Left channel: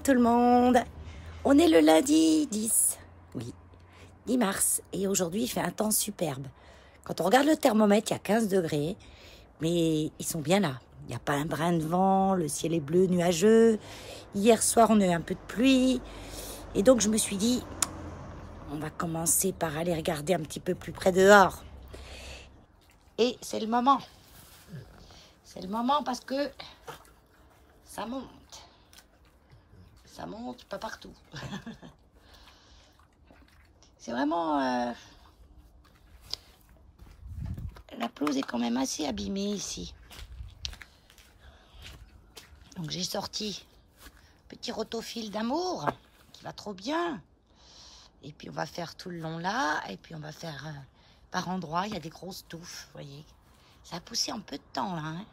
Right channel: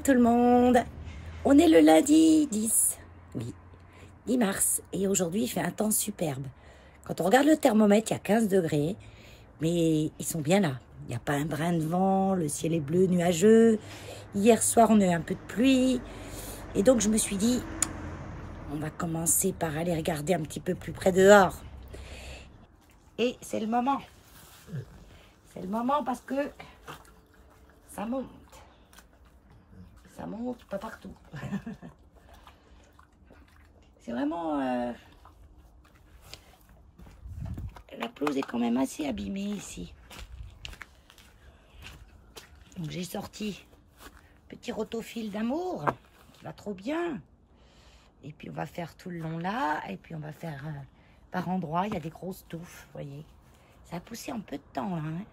tout le monde. On est le lundi 10, oui, 10 mars. Et aujourd'hui, il fait un temps superbe. Quand on regarde le thermomètre, il y a 15 degrés. Mais ils sont bien là. Il n'y a pas un brin de vent, le ciel est bleu, nuageux. Hier soir, on a eu un peu de pluie. Et donc, je me suis dit, on va commencer par aller regarder un petit peu plus près dehors. Et c'est le moment. C'est le moment parce que ça monte. Ça monte pas partout. C'est vraiment... La pelouse est quand même assez abîmée ici. Donc j'ai sorti petit rotofil d'amour qui va trop bien. Et puis on va faire tout le long là. Et puis on va faire par endroits. Il y a des grosses touffes, vous voyez. Ça a poussé en peu de temps là. Hein.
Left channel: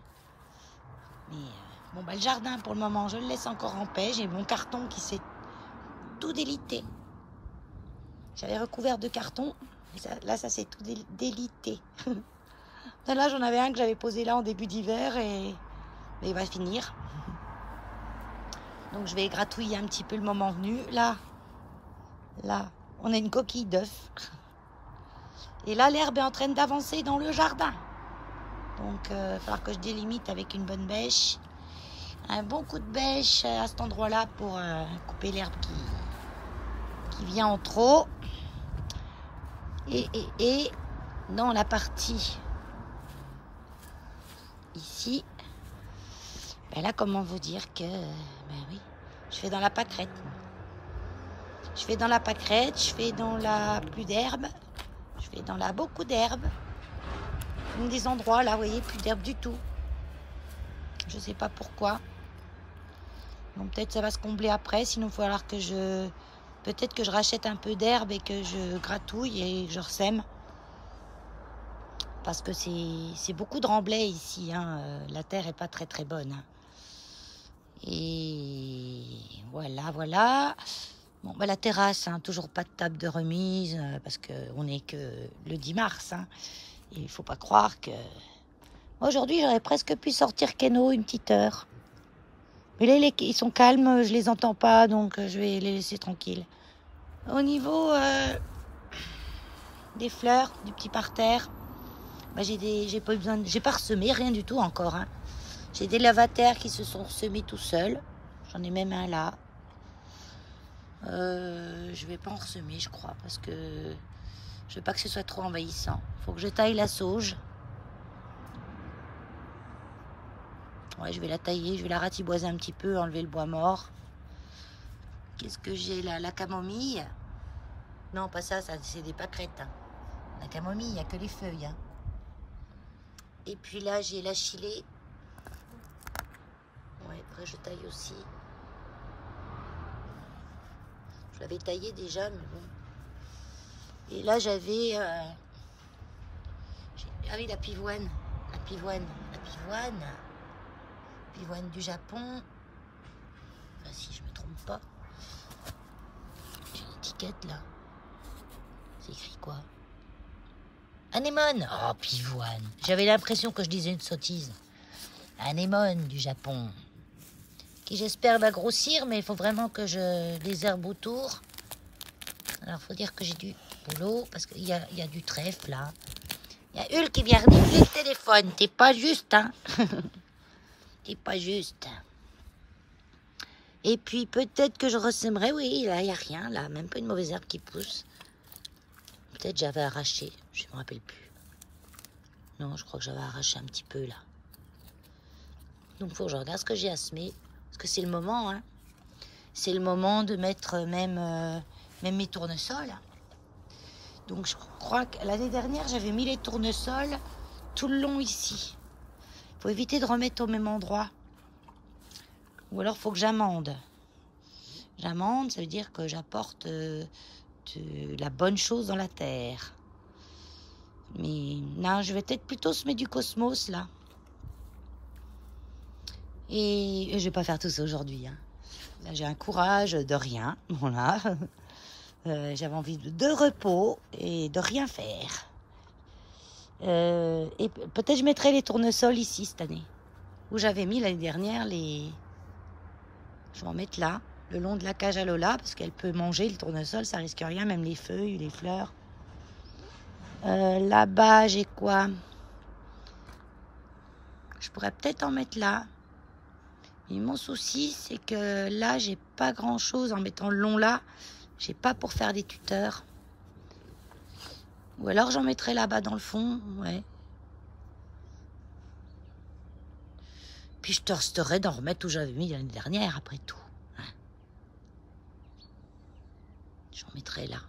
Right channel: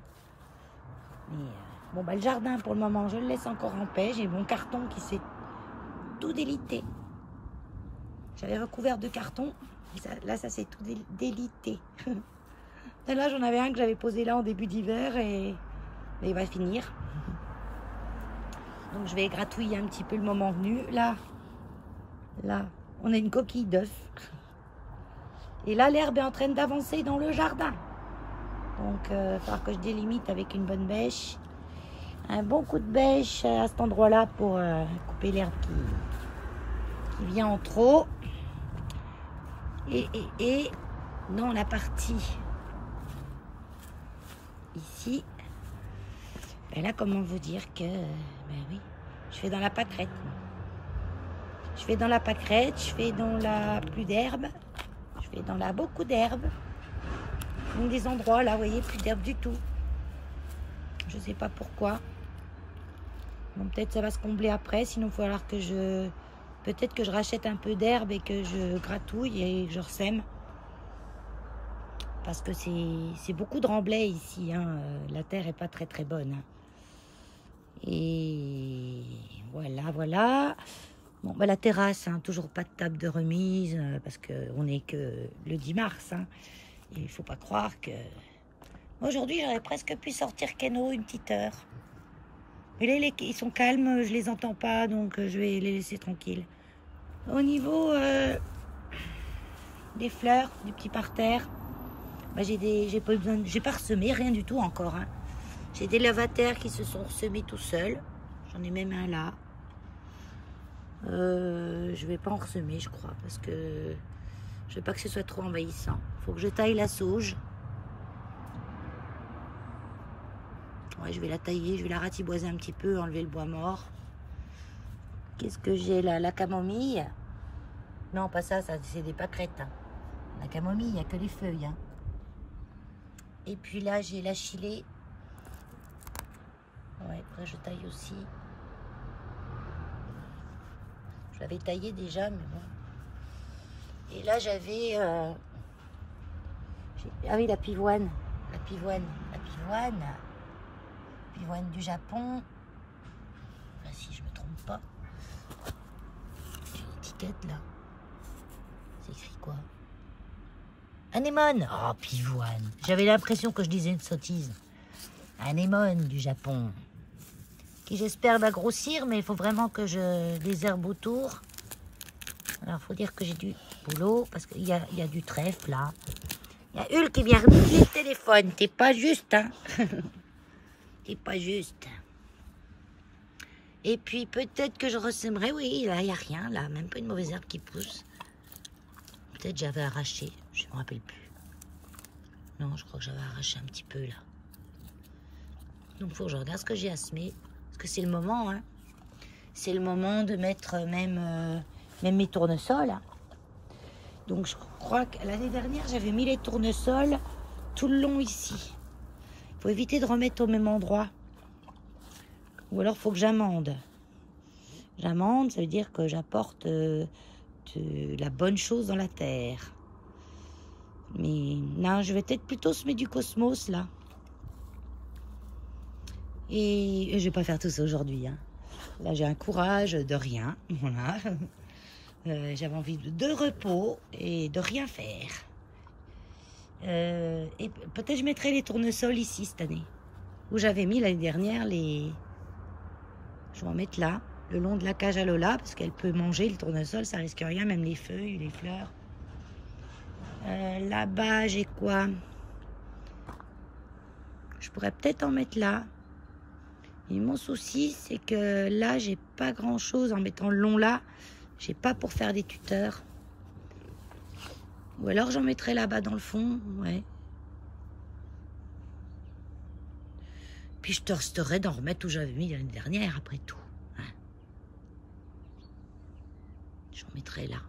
Mais bon, bah, le jardin pour le moment, je le laisse encore en paix. J'ai mon carton qui s'est tout délité. J'avais recouvert de carton. Là, ça s'est tout délité. Là, j'en avais un que j'avais posé là en début d'hiver et il va finir. Donc, je vais gratouiller un petit peu le moment venu. Là, on a une coquille d'œuf. Et là, l'herbe est en train d'avancer dans le jardin. Donc, il va falloir que je délimite avec une bonne bêche. Un bon coup de bêche à cet endroit-là pour couper l'herbe qui vient en trop. Et dans la partie ici, ben là, comment vous dire que... Ben oui, je fais dans la pâquerette. Je fais dans la pâquerette, je fais dans la plus d'herbe, je fais dans la beaucoup d'herbe. Des endroits là, vous voyez, plus d'herbe du tout. Je sais pas pourquoi. Bon, peut-être ça va se combler après, sinon il va falloir que je... Peut-être que je rachète un peu d'herbe et que je gratouille et que je ressème. Parce que c'est beaucoup de remblai ici. Hein. La terre est pas très très bonne. Hein. Et voilà. Bon, bah, la terrasse, hein, toujours pas de table de remise parce qu'on n'est que le 10 mars. Hein. Il ne faut pas croire que... Aujourd'hui, j'aurais presque pu sortir Keno une petite heure. Mais là, ils sont calmes, je les entends pas, donc je vais les laisser tranquilles. Au niveau des fleurs, du petit parterre, bah, j'ai pas eu besoin, j'ai pas ressemé, rien du tout encore. Hein. J'ai des lavataires qui se sont semés tout seuls. J'en ai même un là. Je vais pas en ressemer, je crois, parce que je veux pas que ce soit trop envahissant. Faut que je taille la sauge. Ouais, je vais la tailler, je vais la ratiboiser un petit peu, enlever le bois mort. Qu'est-ce que j'ai là? La camomille. Non, pas ça, c'est des pâquerettes. Hein. La camomille, il n'y a que les feuilles. Hein. Et puis là, j'ai la chilée. Ouais, après je taille aussi. Je l'avais taillé déjà, mais bon. Et là, j'avais... Ah oui, la pivoine. La pivoine du Japon. Enfin, si je me trompe pas. J'ai une étiquette là. C'est écrit quoi? Anémone. Oh, pivoine. J'avais l'impression que je disais une sottise. Anémone du Japon. Qui j'espère va grossir, mais il faut vraiment que je désherbe autour. Alors, il faut dire que j'ai du boulot, parce qu'il y a du trèfle là. Il y a Hulk qui vient renifler le téléphone. T'es pas juste, hein? T'es pas juste. Et puis, peut-être que je ressèmerai. Oui, là, il n'y a rien, là. Même pas une mauvaise herbe qui pousse. Peut-être j'avais arraché. Je ne me rappelle plus. Non, je crois que j'avais arraché un petit peu, là. Donc, il faut que je regarde ce que j'ai à semer. Parce que c'est le moment, hein. C'est le moment de mettre même mes tournesols. Hein. Donc, je crois que l'année dernière, j'avais mis les tournesols tout le long ici. Il faut éviter de remettre au même endroit. Ou alors, il faut que j'amende. J'amende, ça veut dire que j'apporte de la bonne chose dans la terre. Mais non, je vais peut-être plutôt semer du cosmos, là. Et je vais pas faire tout ça aujourd'hui. Hein. Là, j'ai un courage de rien. Voilà. J'avais envie de repos et de rien faire. Et peut-être je mettrai les tournesols ici cette année. Où j'avais mis l'année dernière les... Je vais en mettre là. le long de la cage à Lola, parce qu'elle peut manger le tournesol, ça risque rien, même les feuilles, les fleurs. Là-bas, j'ai quoi? Je pourrais peut-être en mettre là. Et mon souci, c'est que là, j'ai pas grand-chose en mettant le long là. J'ai pas pour faire des tuteurs. Ou alors j'en mettrai là-bas dans le fond, ouais. Puis je testerai d'en remettre où j'avais mis l'année dernière, après tout. Hein. J'en mettrai là.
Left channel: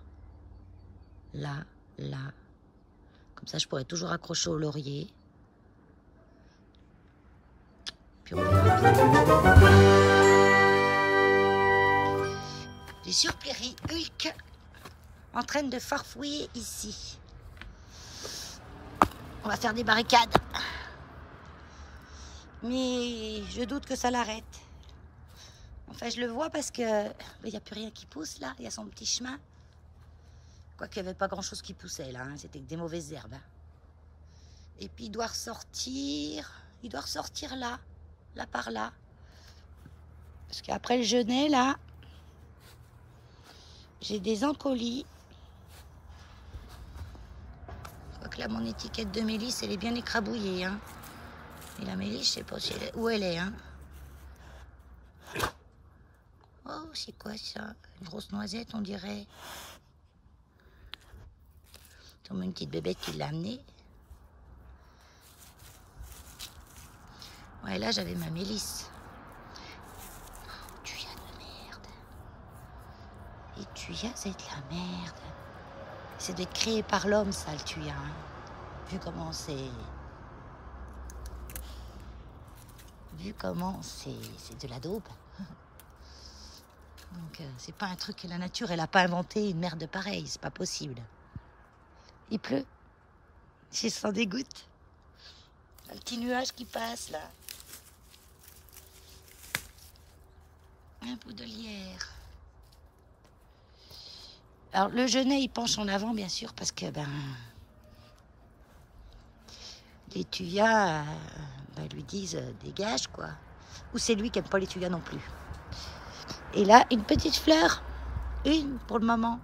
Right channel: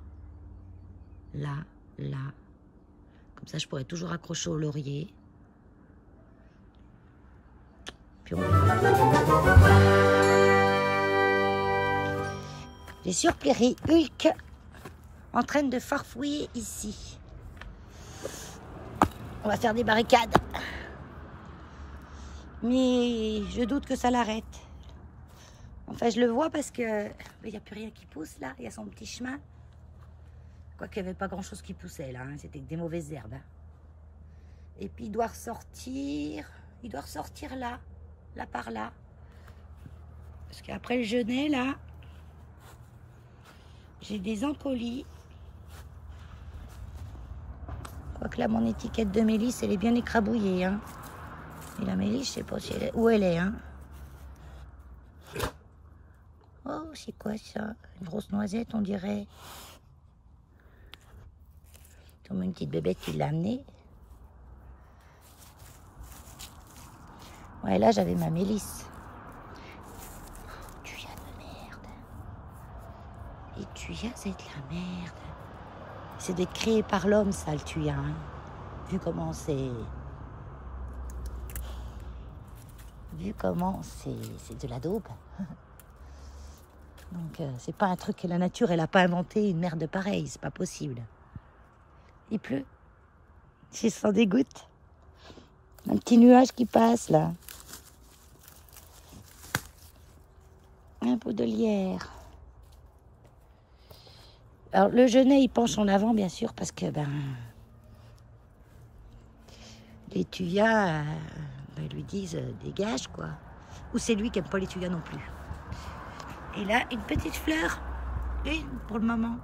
Là, là. Comme ça, je pourrais toujours accrocher au laurier. Puis on verra. J'ai surpris Hulk en train de farfouiller ici. On va faire des barricades. Mais je doute que ça l'arrête. Enfin, je le vois parce que il n'y a plus rien qui pousse là. Il y a son petit chemin. Quoiqu'il n'y avait pas grand-chose qui poussait là. Hein. C'était que des mauvaises herbes. Hein. Et puis il doit ressortir. Il doit ressortir là. Là par là. Parce qu'après le genêt là, j'ai des encolis. Quoique là, mon étiquette de mélisse, elle est bien écrabouillée. Hein. Et la mélisse, je sais pas si où elle est. Hein. Oh, c'est quoi ça? Une grosse noisette, on dirait. C'est comme une petite bébête qui l'a amenée. Ouais, là, j'avais ma mélisse. Oh, Thuya de merde. Et Thuya, c'est de la merde. C'est d'être créé par l'homme, ça, le Thuya. Hein. Vu comment c'est... Vu comment c'est de la daube. Donc, c'est pas un truc que la nature, elle a pas inventé une merde pareille. C'est pas possible. Il pleut. Je sens des gouttes. Un petit nuage qui passe, là. Un pot de lierre. Alors, le genêt, il penche en avant, bien sûr, parce que, les tuyas lui disent dégage, quoi. Ou c'est lui qui aime pas les tuyas non plus. Et là, une petite fleur. Une pour le moment.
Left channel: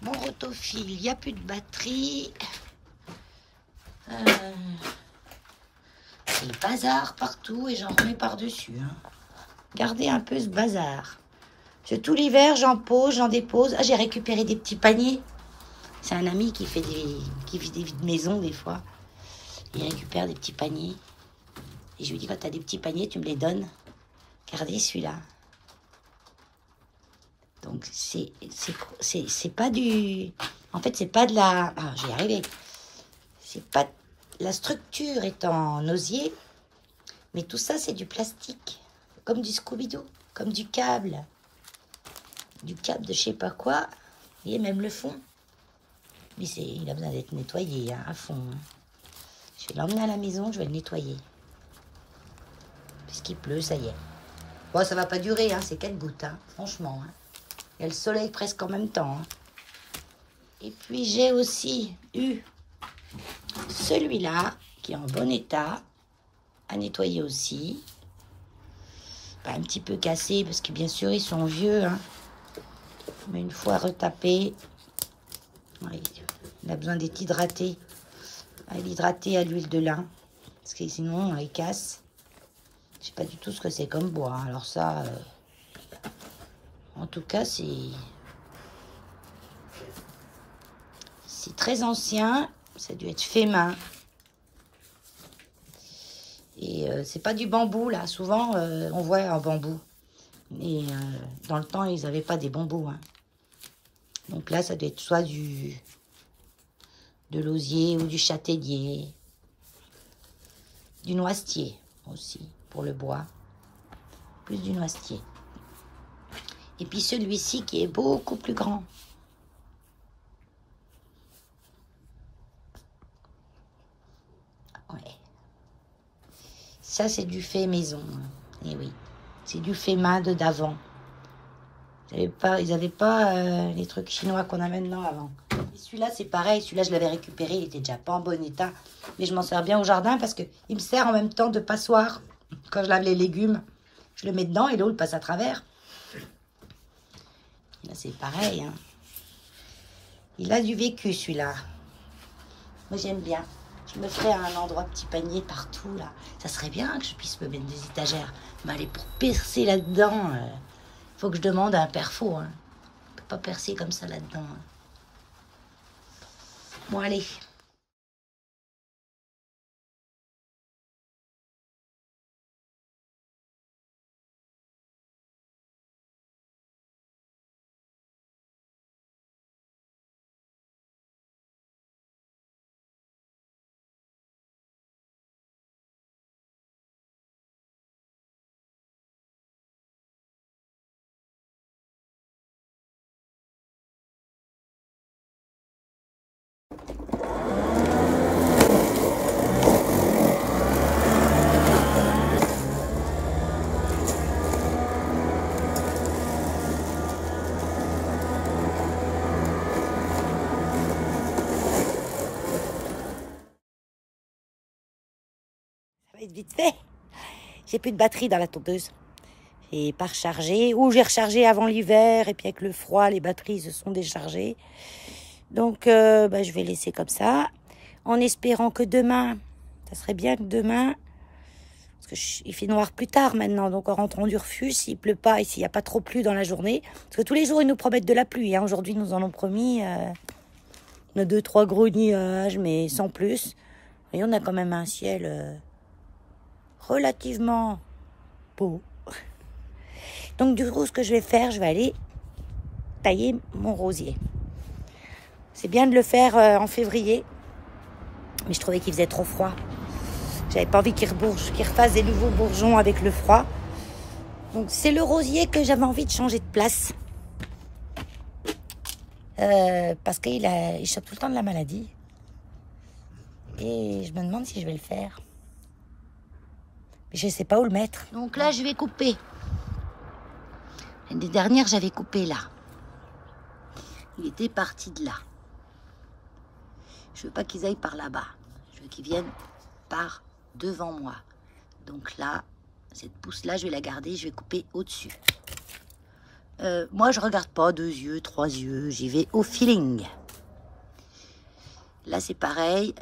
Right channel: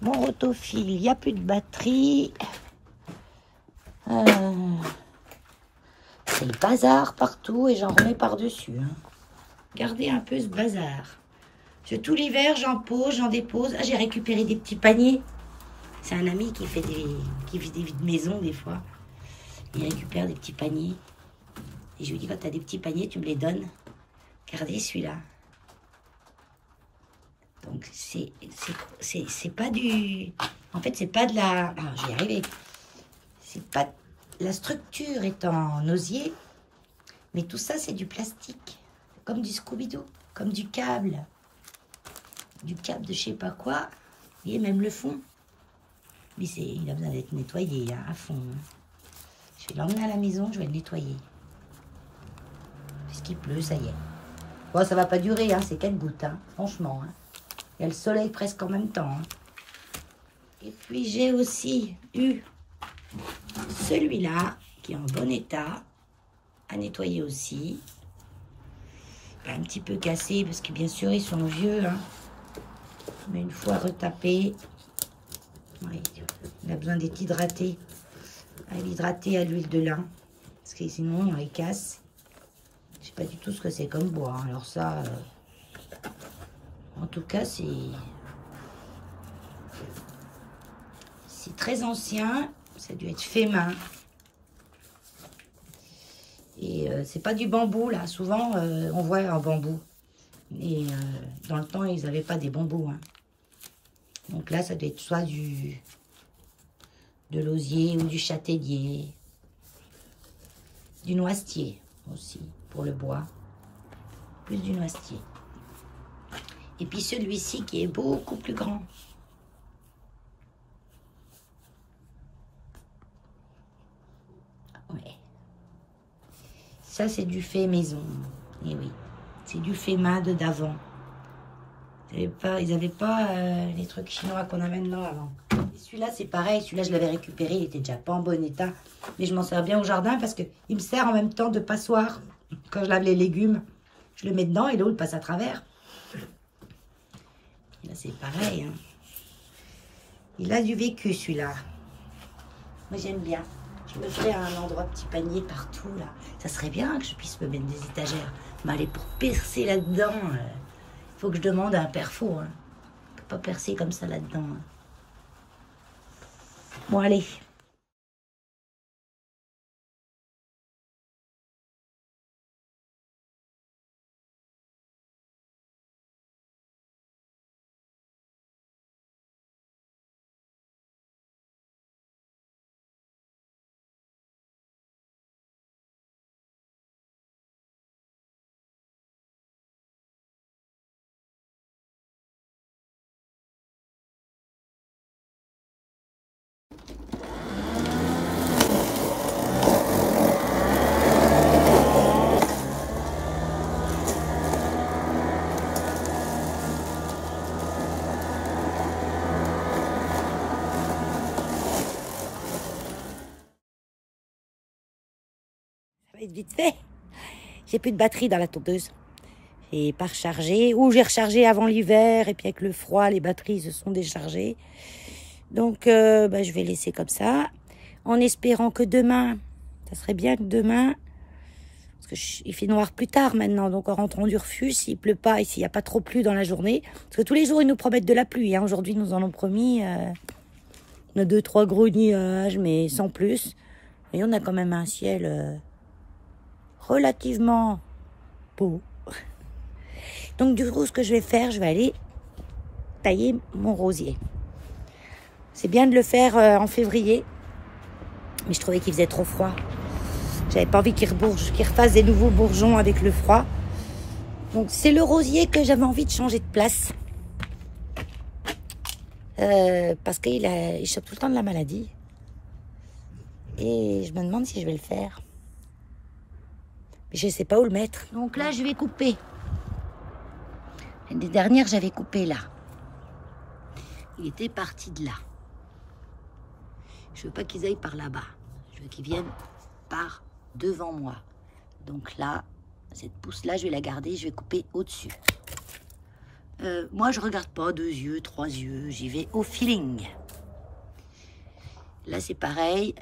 Mon rotophile, il n'y a plus de batterie. C'est le bazar partout et j'en remets par-dessus. Hein. Regardez un peu ce bazar. Tout l'hiver, j'en pose, j'en dépose. Ah, j'ai récupéré des petits paniers. C'est un ami qui fait des vides maisons des fois. Il récupère des petits paniers. Et je lui dis, quand tu as des petits paniers, tu me les donnes. Regardez celui-là. Donc, c'est pas du... En fait, c'est pas de la... Ah, j'y arrivé. C'est pas... La structure est en osier, mais tout ça, c'est du plastique. Comme du Scooby-Doo, comme du câble. Du câble de je sais pas quoi. Vous voyez, même le fond. Mais il a besoin d'être nettoyé, hein, à fond. Hein. Je vais l'emmener à la maison, je vais le nettoyer. Puisqu'il pleut, ça y est. Bon, ça va pas durer, hein, c'est 4 gouttes, hein, franchement. Hein. Il y a le soleil presque en même temps. Hein. Et puis, j'ai aussi eu celui-là, qui est en bon état, à nettoyer aussi. Un petit peu cassé, parce que bien sûr, ils sont vieux. Hein. Mais une fois retapé, ouais, il a besoin d'être hydraté. À l'hydrater à l'huile de lin. Parce que sinon, il casse. Je sais pas du tout ce que c'est comme bois. Hein. Alors ça, en tout cas, c'est très ancien. Ça a dû être fait main. Et c'est pas du bambou, là. Souvent, on voit un bambou. Et dans le temps, ils n'avaient pas des bambous. Hein. Donc là, ça doit être soit de l'osier ou du châtaignier. Du noisetier aussi, pour le bois. Plus du noisetier. Et puis celui-ci qui est beaucoup plus grand. Ouais. Ça, c'est du fait maison. Et oui, c'est du fait main de d'avant. Ils avaient pas les trucs chinois qu'on a maintenant avant. Celui-là, c'est pareil. Celui-là, je l'avais récupéré. Il était déjà pas en bon état. Mais je m'en sers bien au jardin parce qu'il me sert en même temps de passoire. Quand je lave les légumes, je le mets dedans et l'eau, elle passe à travers. Et là, c'est pareil. Hein. Il a du vécu, celui-là. Moi, j'aime bien. Je me ferais un endroit petit panier partout, là. Ça serait bien que je puisse me mettre des étagères. Mais allez, pour percer là-dedans, il faut que je demande à un perfo. Hein. Je peux pas percer comme ça là-dedans. Hein. Bon, allez. Vite fait. J'ai plus de batterie dans la tondeuse. Et pas rechargé. Ou j'ai rechargé avant l'hiver. Et puis avec le froid, les batteries se sont déchargées. Donc, je vais laisser comme ça. En espérant que demain, ça serait bien que demain, parce que il fait noir plus tard maintenant. Donc en rentrant du refuge, s'il pleut pas et s'il n'y a pas trop plu dans la journée. Parce que tous les jours, ils nous promettent de la pluie. Hein. Aujourd'hui, ils nous en ont promis. On a 2-3 gros nuages, mais sans plus. Et on a quand même un ciel... relativement beau. Donc du coup, ce que je vais faire, je vais aller tailler mon rosier. C'est bien de le faire en février, mais je trouvais qu'il faisait trop froid. J'avais pas envie qu'il refasse des nouveaux bourgeons avec le froid. Donc c'est le rosier que j'avais envie de changer de place. Parce qu'il chope tout le temps de la maladie. Et je me demande si je vais le faire. Je ne sais pas où le mettre. Donc là, je vais couper. L'année dernière, j'avais coupé là. Il était parti de là. Je veux pas qu'ils aillent par là-bas. Je veux qu'ils viennent par devant moi. Donc là, cette pousse-là, je vais la garder. Je vais couper au-dessus. Moi, je regarde pas 2 yeux, 3 yeux. J'y vais au feeling. Là, c'est pareil.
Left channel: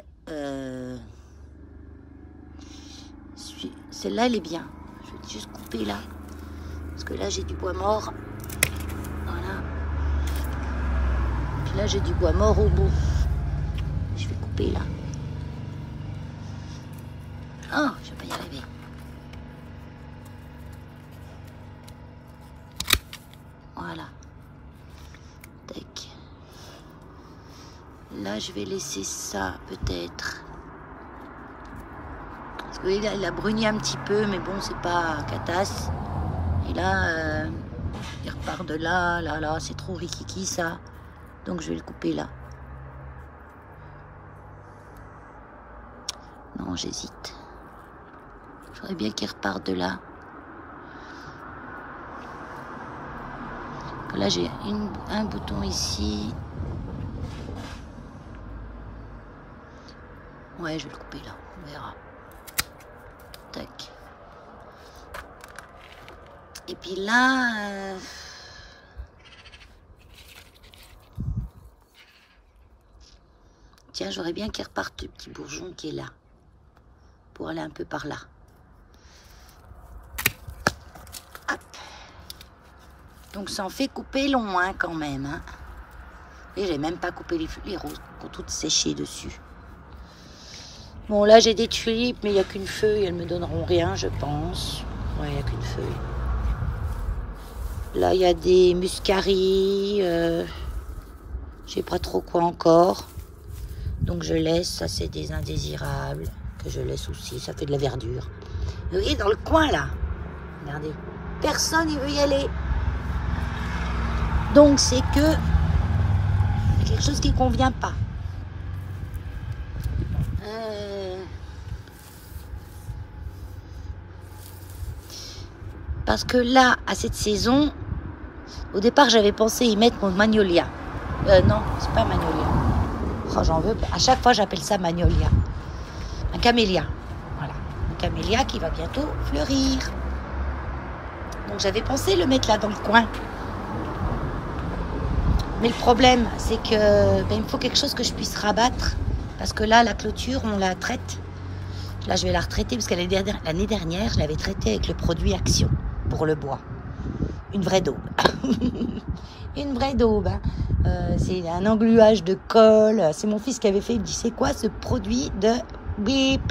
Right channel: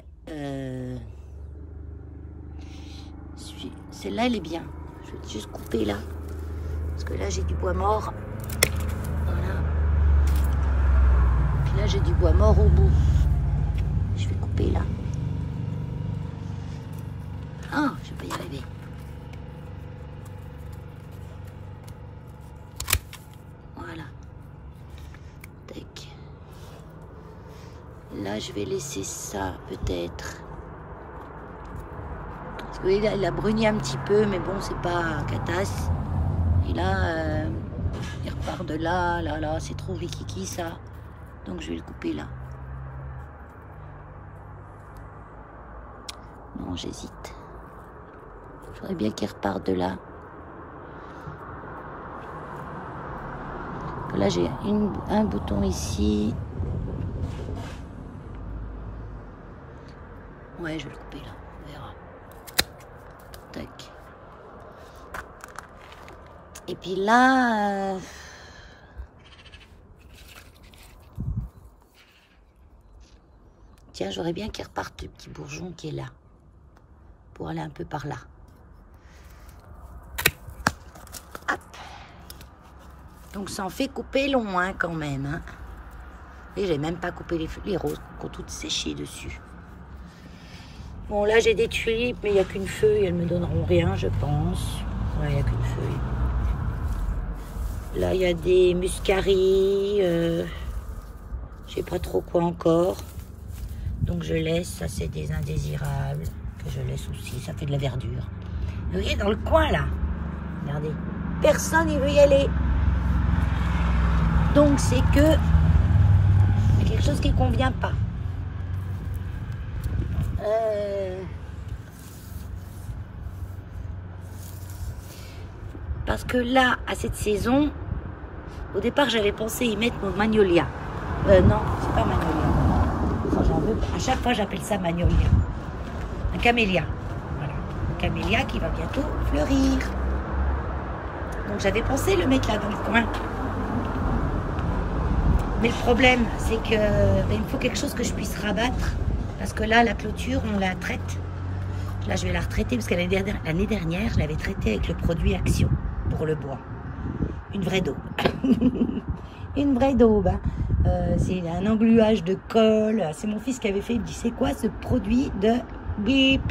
Celle-là, elle est bien. Je vais juste couper là. Parce que là, j'ai du bois mort. Voilà. Puis là, j'ai du bois mort au bout. Je vais couper là. Ah, je vais pas y arriver. Voilà. Tac. Là, je vais laisser ça, peut-être. Oui, là, il a bruni un petit peu, mais bon, c'est pas catasse. Et là, il repart de là, là, c'est trop rikiki, ça. Donc, je vais le couper là. Non, j'hésite. J'aurais bien qu'il reparte de là. Là, j'ai un bouton ici. Ouais, je vais le couper là, on verra. Tac. Et puis là... Tiens, j'aurais bien qu'il reparte le petit bourgeon qui est là. Pour aller un peu par là. Hop. Donc ça en fait couper long, hein, quand même. Hein. Et j'ai même pas coupé les roses qui ont toutes séché dessus. Bon, là, j'ai des tulipes, mais il n'y a qu'une feuille. Elles me donneront rien, je pense. Ouais, il n'y a qu'une feuille. Là, il y a des muscaries. Je sais pas trop quoi encore. Donc, je laisse. Ça, c'est des indésirables que je laisse aussi. Ça fait de la verdure. Vous voyez, dans le coin, là. Regardez. Personne ne veut y aller. Donc, c'est que... il y a quelque chose qui ne convient pas. Parce que là, à cette saison, Au départ, j'avais pensé y mettre mon magnolia. Non, c'est pas magnolia. Oh, j'en veux. À chaque fois, j'appelle ça magnolia. Un camélia. Voilà. Un camélia qui va bientôt fleurir. Donc, j'avais pensé le mettre là dans le coin. Mais le problème, c'est que ben, il me faut quelque chose que je puisse rabattre. Parce que là, la clôture, on la traite. Là, je vais la retraiter parce que l'année dernière, je l'avais traitée avec le produit Action pour le bois. Une vraie daube. Une vraie daube. Hein. C'est un engluage de colle. C'est mon fils qui avait fait. Il me dit, c'est quoi ce produit de bip?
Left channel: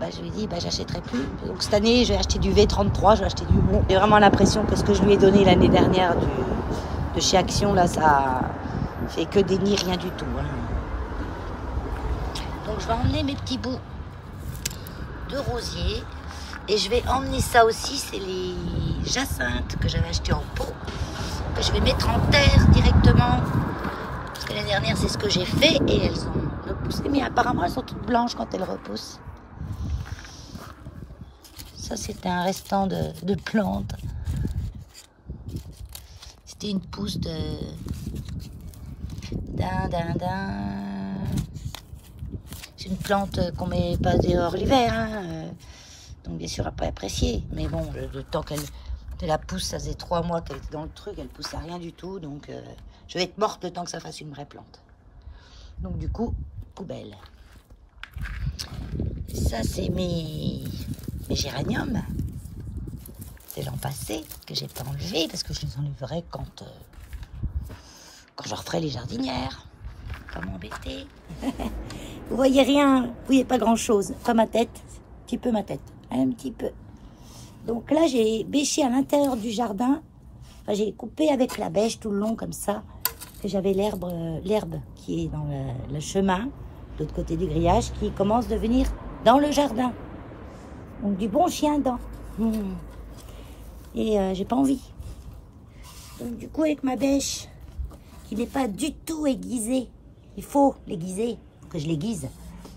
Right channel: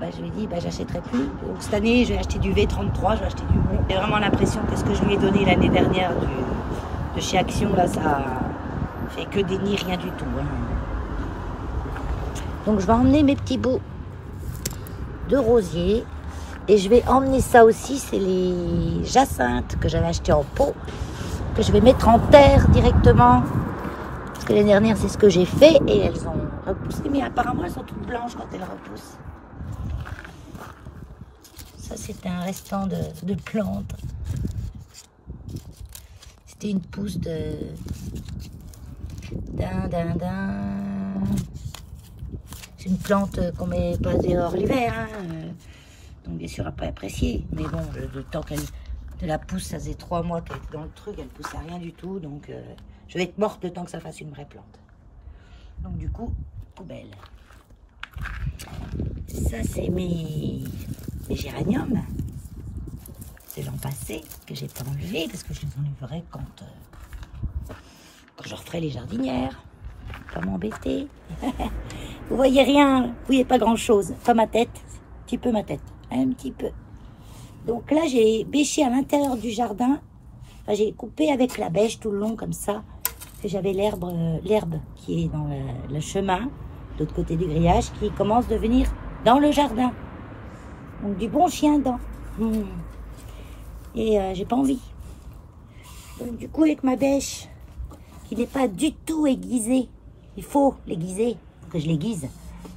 Bah, je lui ai dit, bah, j'achèterai plus. Donc cette année, j'ai acheté du V33. J'ai acheté du... Bon, j'ai vraiment l'impression que ce que je lui ai donné l'année dernière de chez Action, là, ça fait que des nids, rien du tout. Hein. Donc je vais emmener mes petits bouts de rosier. Et je vais emmener ça aussi, c'est les jacinthes que j'avais acheté en pot, que je vais mettre en terre directement. Parce que l'année dernière, c'est ce que j'ai fait et elles ont repoussé. Mais apparemment, elles sont toutes blanches quand elles repoussent. Ça, c'était un restant de plantes. C'était une pousse C'est une plante qu'on met pas dehors l'hiver, hein. Donc bien sûr, après apprécier. Mais bon, le temps qu'elle de la pousse, ça faisait 3 mois qu'elle était dans le truc, elle poussait rien du tout. Donc je vais être morte le temps que ça fasse une vraie plante. Donc du coup, poubelle. Ça, c'est mes géraniums. C'est l'an passé que j'ai pas enlevé parce que je les enlèverai quand je referai les jardinières. Pas m'embêter. Vous voyez rien, vous voyez pas grand chose. Pas ma tête, un petit peu ma tête. Un petit peu. Donc là, j'ai bêché à l'intérieur du jardin. Enfin, j'ai coupé avec la bêche tout le long comme ça. Que j'avais l'herbe qui est dans le chemin, de l'autre côté du grillage, qui commence de venir dans le jardin. Donc du bon chien dedans. Et j'ai pas envie. Donc du coup, avec ma bêche, qui n'est pas du tout aiguisée, il faut l'aiguiser, que je l'aiguise.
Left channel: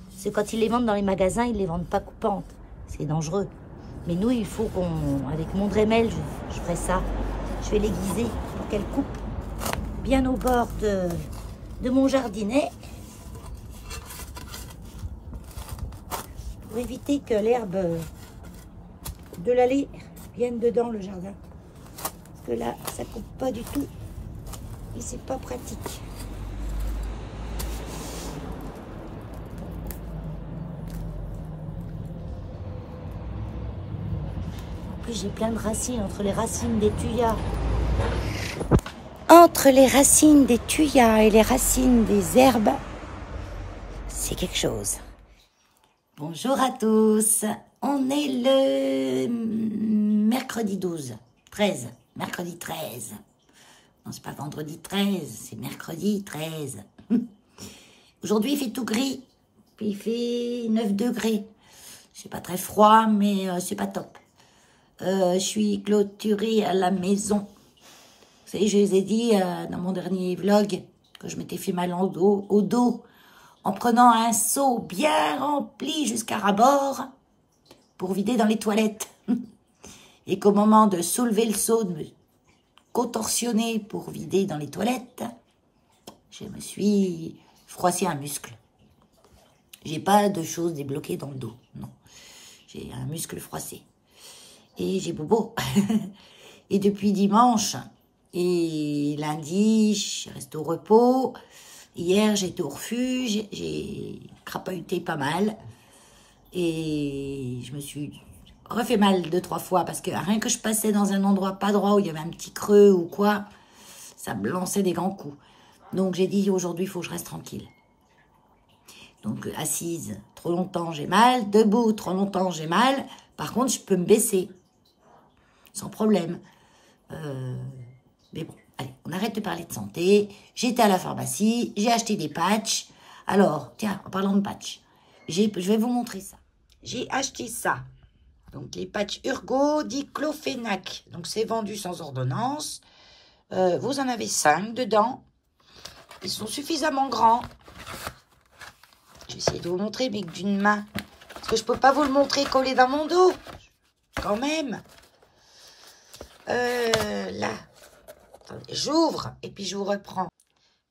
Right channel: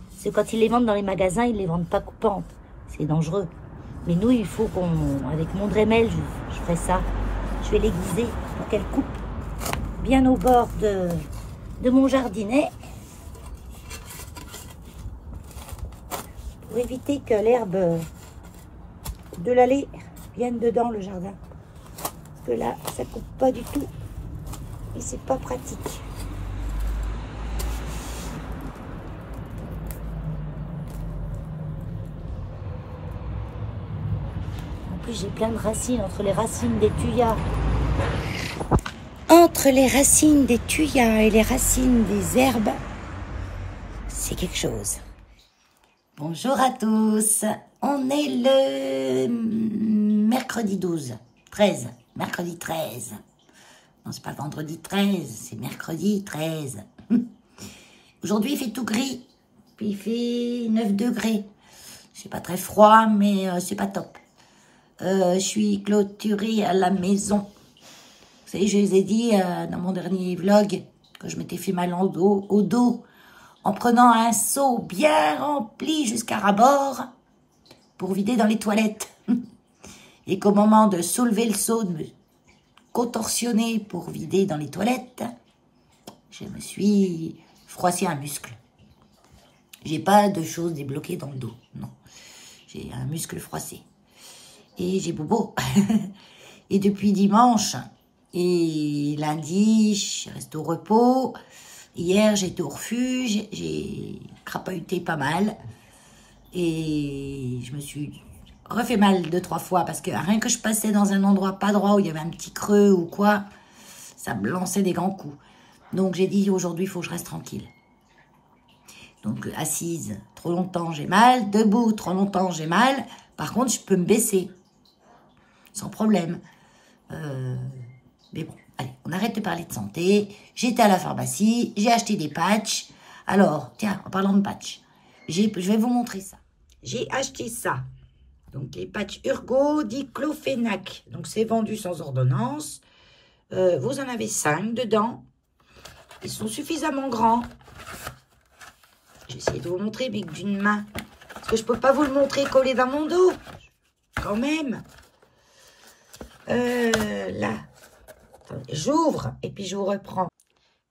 Parce que quand ils les vendent dans les magasins, ils les vendent pas coupantes. C'est dangereux. Mais nous, il faut avec mon Dremel, je ferai ça. Je vais l'aiguiser pour qu'elle coupe bien au bord de mon jardinet. Pour éviter que l'herbe de l'allée vienne dedans le jardin. Parce que là, ça coupe pas du tout. Et c'est pas pratique. J'ai plein de racines entre les racines des tuyas. Entre les racines des tuyas et les racines des herbes, c'est quelque chose. Bonjour à tous. On est le mercredi 13. Mercredi 13. Non, c'est pas vendredi 13, c'est mercredi 13. Aujourd'hui, il fait tout gris. Il fait 9 degrés. C'est pas très froid, mais c'est pas top. Je suis clôturée à la maison. Vous savez, je les ai dit dans mon dernier vlog que je m'étais fait mal au dos en prenant un seau bien rempli jusqu'à ras-bord pour vider dans les toilettes. Et qu'au moment de soulever le seau, de me contorsionner pour vider dans les toilettes, je me suis froissé un muscle. J'ai pas de choses débloquées dans le dos, non. J'ai un muscle froissé. Et j'ai bobo. Et depuis dimanche et lundi, je reste au repos. Hier, j'étais au refuge. J'ai crapahuté pas mal. Et je me suis refait mal 2-3 fois. Parce que rien que je passais dans un endroit pas droit où il y avait un petit creux ou quoi, ça me lançait des grands coups. Donc j'ai dit aujourd'hui, il faut que je reste tranquille. Donc assise trop longtemps, j'ai mal. Debout trop longtemps, j'ai mal. Par contre, je peux me baisser. Sans problème. Mais bon, allez, on arrête de parler de santé. J'étais à la pharmacie, j'ai acheté des patchs. Alors, tiens, en parlant de patchs, je vais vous montrer ça. J'ai acheté ça. Donc, les patchs Urgo diclofénac. Donc, c'est vendu sans ordonnance. Vous en avez 5 dedans. Ils sont suffisamment grands. Je vais essayer de vous montrer, mais d'une main. Parce que je ne peux pas vous le montrer collé dans mon dos. Quand même. Là. Attendez, j'ouvre et puis je vous reprends.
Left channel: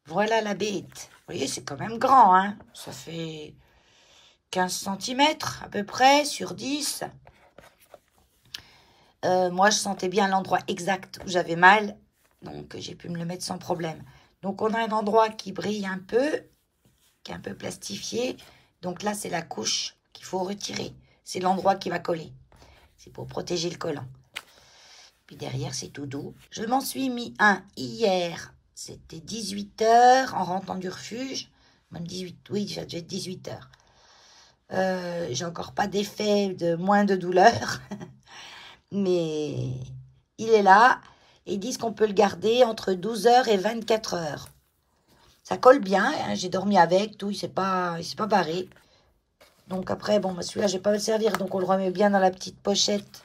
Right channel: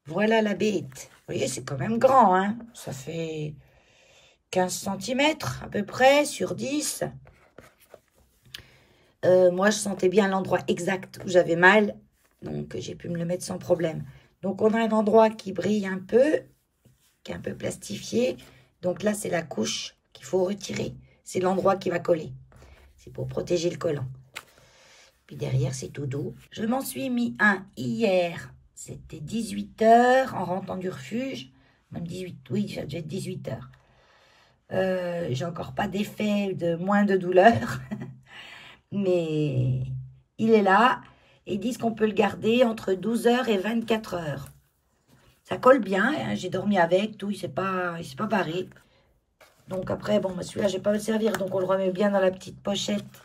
Voilà la bête. Vous voyez, c'est quand même grand, hein. Ça fait 15 cm à peu près sur 10. Moi, je sentais bien l'endroit exact où j'avais mal. Donc, j'ai pu me le mettre sans problème. Donc, on a un endroit qui brille un peu, qui est un peu plastifié. Donc là, c'est la couche qu'il faut retirer. C'est l'endroit qui va coller. C'est pour protéger le collant. Puis derrière, c'est tout doux. Je m'en suis mis un hier. C'était 18 h en rentrant du refuge. Même 18, oui, ça devait être 18 h. J'ai encore pas d'effet de moins de douleur. Mais il est là. Et ils disent qu'on peut le garder entre 12 h et 24 h. Ça colle bien. Hein, j'ai dormi avec, tout. Il s'est pas barré. Donc après, bon, celui-là, je vais pas le servir. Donc on le remet bien dans la petite pochette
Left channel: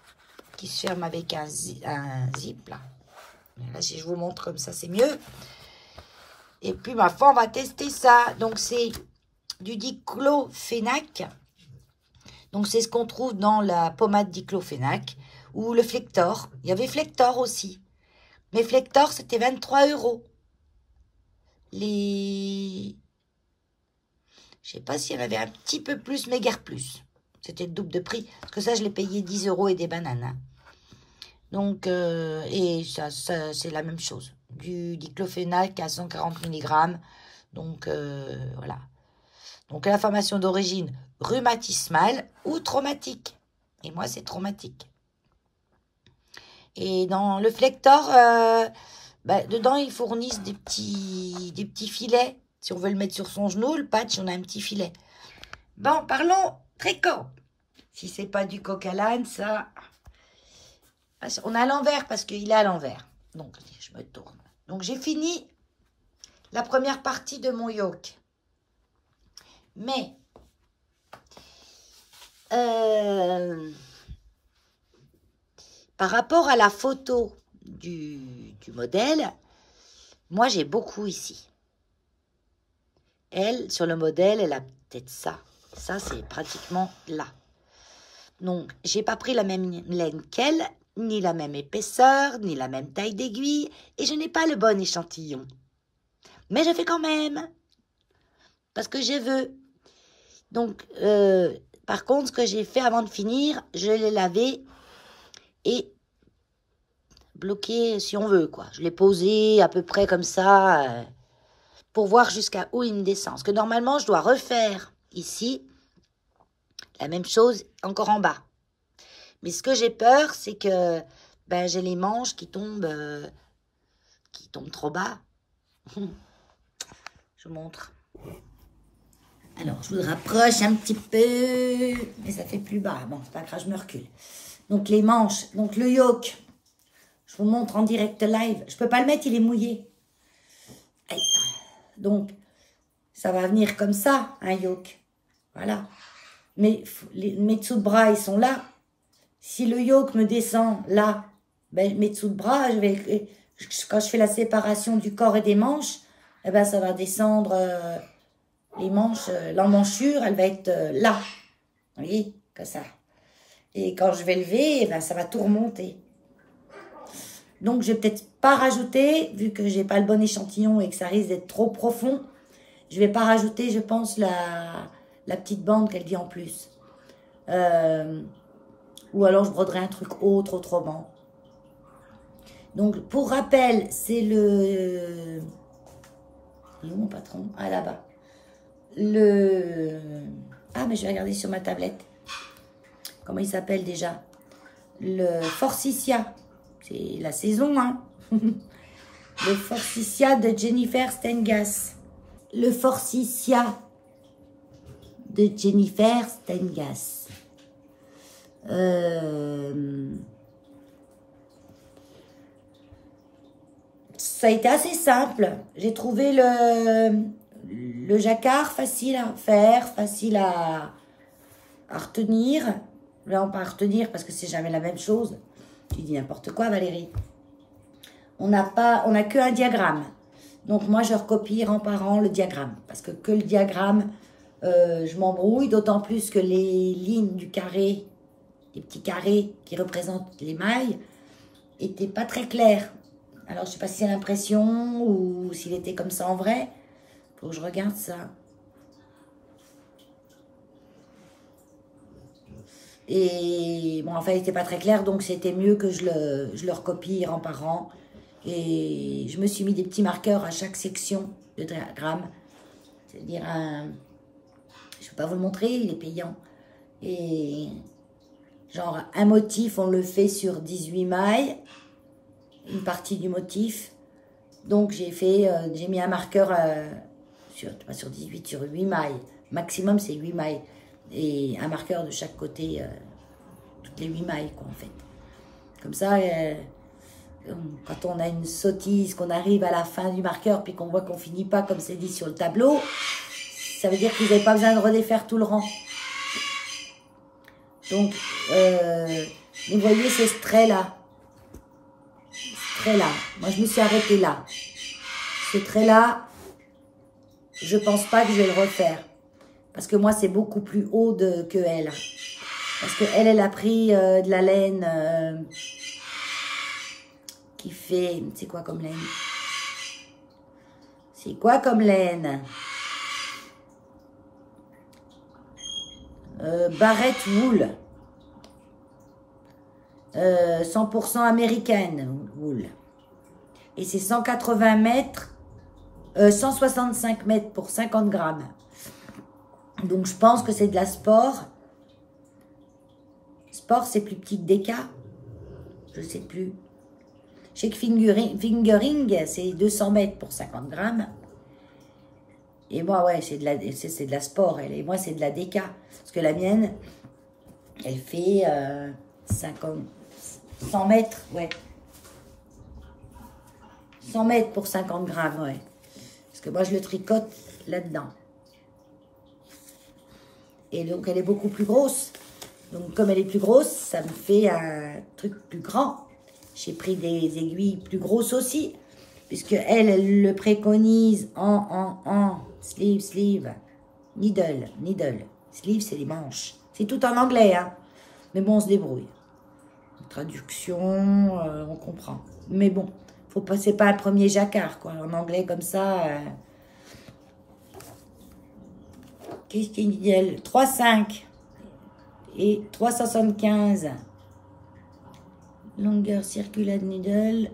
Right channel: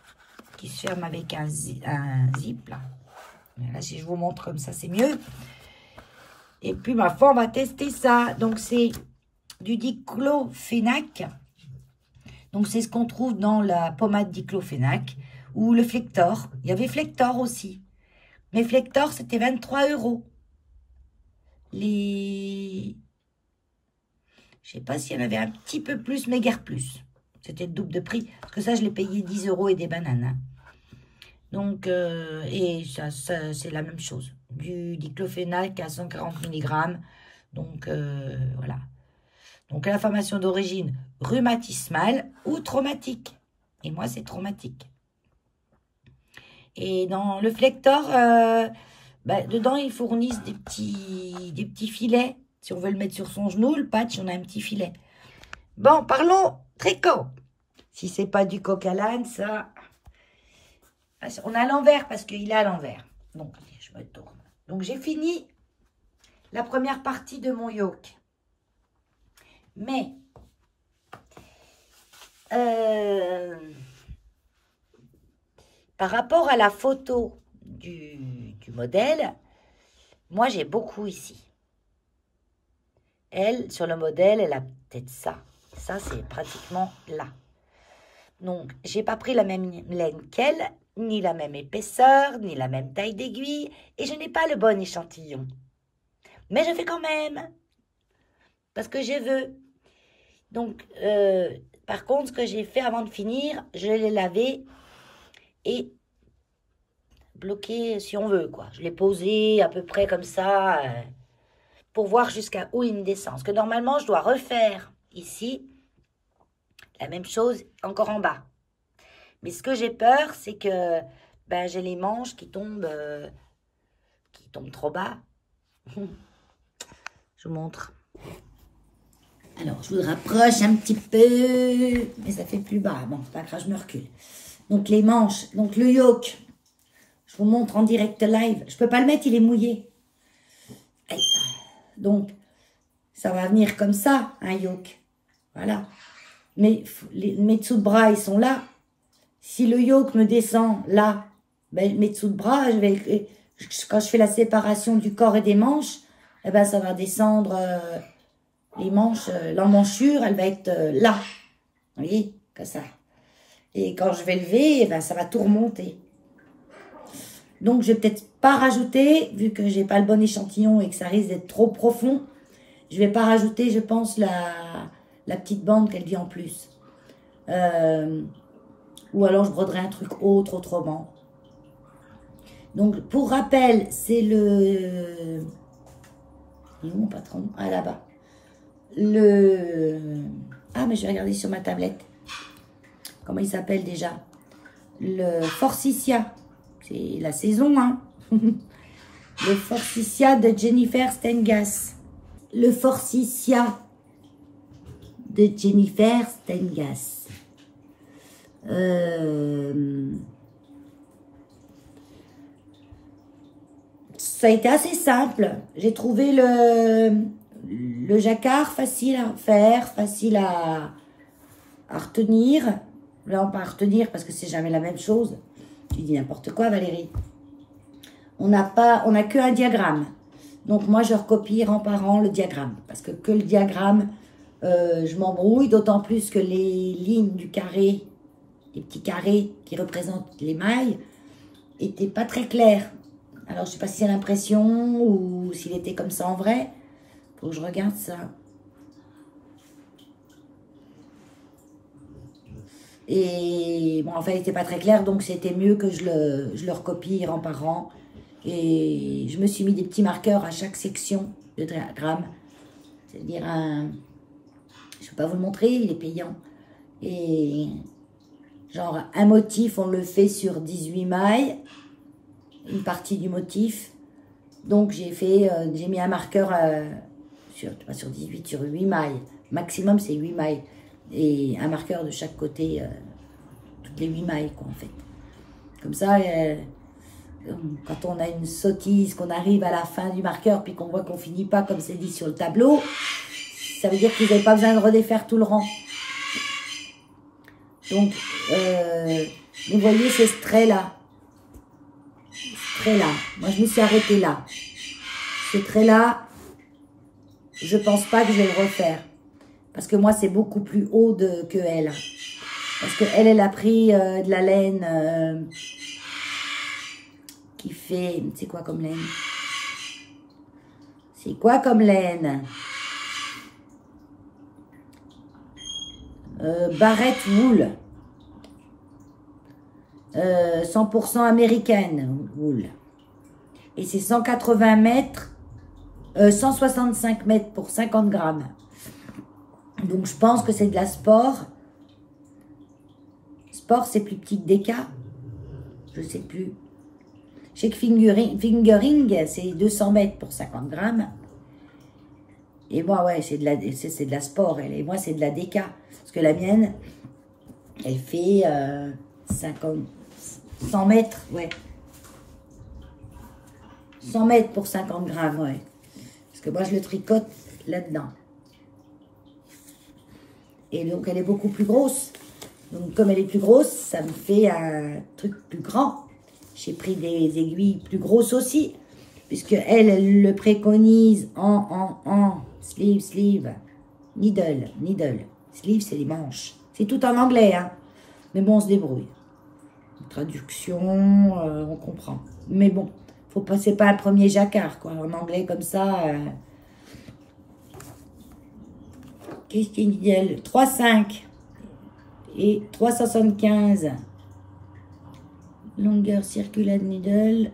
qui se ferme avec un zip, là. Là, si je vous montre comme ça, c'est mieux. Et puis, ma foi, on va tester ça. Donc, c'est du diclofénac. Donc, c'est ce qu'on trouve dans la pommade diclofénac. Ou le Flector. Il y avait Flector aussi. Mais Flector, c'était 23 €. Je sais pas s'il y en avait un petit peu plus, mais guère plus. C'était le double de prix. Parce que ça, je l'ai payé 10 € et des bananes. Hein. Donc, et ça c'est la même chose. Du diclofénac à 140 mg. Donc, voilà. Donc, l'inflammation d'origine rhumatismale ou traumatique. Et moi, c'est traumatique. Et dans le Flector, dedans, ils fournissent des petits filets. Si on veut le mettre sur son genou, le patch, on a un petit filet. Bon, parlons tricot. Si c'est pas du coq à l'âne, ça... On est à l'envers parce qu'il est à l'envers. Donc, je me tourne. Donc, j'ai fini la première partie de mon yoke. Mais, par rapport à la photo du modèle, moi, j'ai beaucoup ici. Elle, sur le modèle, elle a peut-être ça. Ça, c'est pratiquement là. Donc, j'ai pas pris la même laine qu'elle, ni la même épaisseur, ni la même taille d'aiguille, et je n'ai pas le bon échantillon. Mais je fais quand même, parce que je veux. Donc, par contre, ce que j'ai fait avant de finir, je l'ai lavé et bloqué si on veut, quoi. Je l'ai posé à peu près comme ça, pour voir jusqu'à où il me descend. Parce que normalement, je dois refaire ici la même chose encore en bas. Mais ce que j'ai peur, c'est que j'ai les manches qui tombent trop bas. Je vous montre. Alors, je vous rapproche un petit peu, mais ça fait plus bas. Bon, c'est pas grave, je me recule. Donc, les manches, donc le yoke, je vous montre en direct live. Je peux pas le mettre, il est mouillé. Aïe. Donc, ça va venir comme ça, un yoke. Voilà. Mais mes dessous de bras, ils sont là. Si le yoke me descend là, mes dessous de bras, quand je fais la séparation du corps et des manches, ça va descendre les manches, l'emmanchure, elle va être là. Vous voyez, comme ça. Et quand je vais lever, ça va tout remonter. Donc, je vais peut-être pas rajouter, vu que j'ai pas le bon échantillon et que ça risque d'être trop profond, je vais pas rajouter, je pense, la petite bande qu'elle vient en plus. Ou alors, je broderai un truc autre autrement. Donc, pour rappel, c'est le... Il est où mon patron? Ah, là-bas. Ah, mais je vais regarder sur ma tablette. Comment il s'appelle déjà? Le Forsythia. C'est la saison, hein. Le Forsythia de Jennifer Stengas. Le Forsythia de Jennifer Stengas. Ça a été assez simple. J'ai trouvé le jacquard facile à faire, facile à retenir. Là, on peut pas retenir parce que c'est jamais la même chose. Tu dis n'importe quoi, Valérie. On n'a qu'un diagramme. Donc, moi, je recopie rang par rang le diagramme. Parce que le diagramme, je m'embrouille. D'autant plus que les lignes du carré, les petits carrés qui représentent les mailles, n'étaient pas très clairs. Alors, je sais pas si c'est l'impression ou s'il était comme ça en vrai. Faut que je regarde ça. Et bon, en fait, il n'était pas très clair, donc c'était mieux que je le recopie rang par rang. Et je me suis mis des petits marqueurs à chaque section de diagramme. C'est-à-dire je ne peux pas vous le montrer, il est payant. Et genre, un motif, on le fait sur 18 mailles. Une partie du motif. Donc, j'ai mis un marqueur pas sur 18, sur 8 mailles. Maximum, c'est 8 mailles. Et un marqueur de chaque côté, toutes les 8 mailles, quoi, en fait. Comme ça, quand on a une sottise, qu'on arrive à la fin du marqueur, puis qu'on voit qu'on finit pas comme c'est dit sur le tableau, ça veut dire que vous n'avez pas besoin de redéfaire tout le rang. Donc, vous voyez ces traits-là. Trait-là. Moi, je me suis arrêtée là. Ce trait-là, je pense pas que je vais le refaire. Parce que moi, c'est beaucoup plus haut que elle. Parce que elle a pris de la laine qui fait... C'est quoi comme laine? C'est quoi comme laine? Barrett Wool. 100% américaine, wool. Et c'est 180 mètres, 165 mètres pour 50 grammes. Donc, je pense que c'est de la sport. Sport, c'est plus petit que Deka. Je sais plus. Je sais que fingering, c'est 200 mètres pour 50 grammes. Et moi, ouais, c'est de la sport. Et moi, c'est de la Deka. Parce que la mienne, elle fait 100 mètres, ouais. 100 mètres pour 50 grammes, ouais. Parce que moi, je le tricote là-dedans. Et donc, elle est beaucoup plus grosse. Donc, comme elle est plus grosse, ça me fait un truc plus grand. J'ai pris des aiguilles plus grosses aussi. Puisque elle le préconise en sleeve, needle. Sleeve, c'est les manches. C'est tout en anglais, hein. Mais bon, on se débrouille. Traduction, on comprend. Mais bon, faut pas, c'est pas le premier jacquard, quoi. En anglais, comme ça. Qu'est-ce qu'il dit elle? 3,5 et 3,75. Longueur circular needle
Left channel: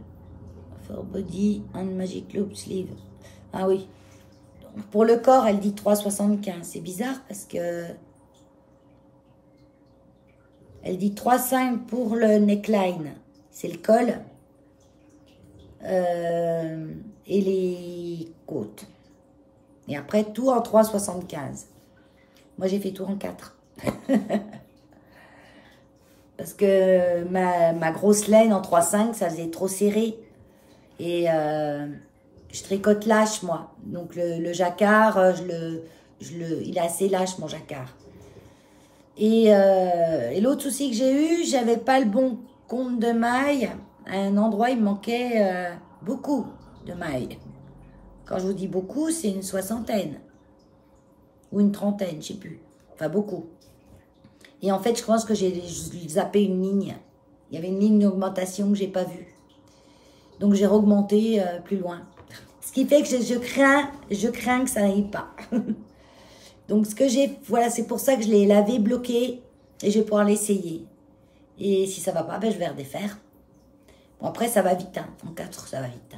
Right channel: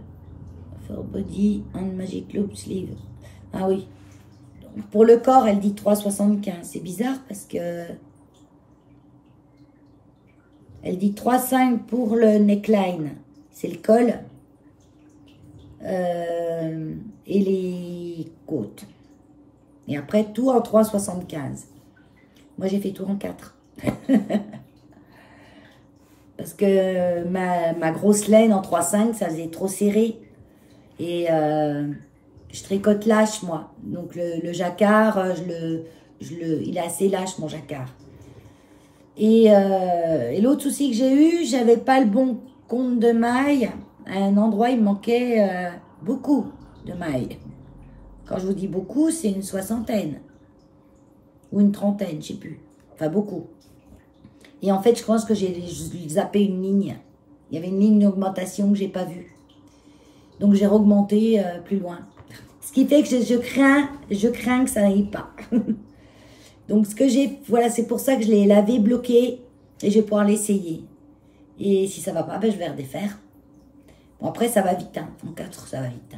for body and magic loop sleeve. Ah oui. Donc, pour le corps, elle dit 3,75. C'est bizarre parce que elle dit 3,5 pour le neckline. C'est le col. Et les côtes. Et après, tout en 3,75. Moi, j'ai fait tout en 4. Parce que ma grosse laine en 3,5, ça faisait trop serré. Et je tricote lâche, moi. Donc, le jacquard, il est assez lâche, mon jacquard. Et l'autre souci que j'ai eu, j'avais pas le bon compte de mailles. À un endroit, il me manquait beaucoup de mailles. Quand je vous dis beaucoup, c'est une 60aine. Ou une 30aine, je sais plus. Enfin, beaucoup. Et en fait, je pense que j'ai zappé une ligne. Il y avait une ligne d'augmentation que j'ai pas vue. Donc, j'ai augmenté plus loin. Ce qui fait que je crains que ça n'aille pas. Donc, ce que j'ai, voilà, c'est pour ça que je l'ai lavé, bloqué, et je vais pouvoir l'essayer. Et si ça va pas, ben, je vais redéfaire. Bon, après, ça va vite, hein. En 4, ça va vite.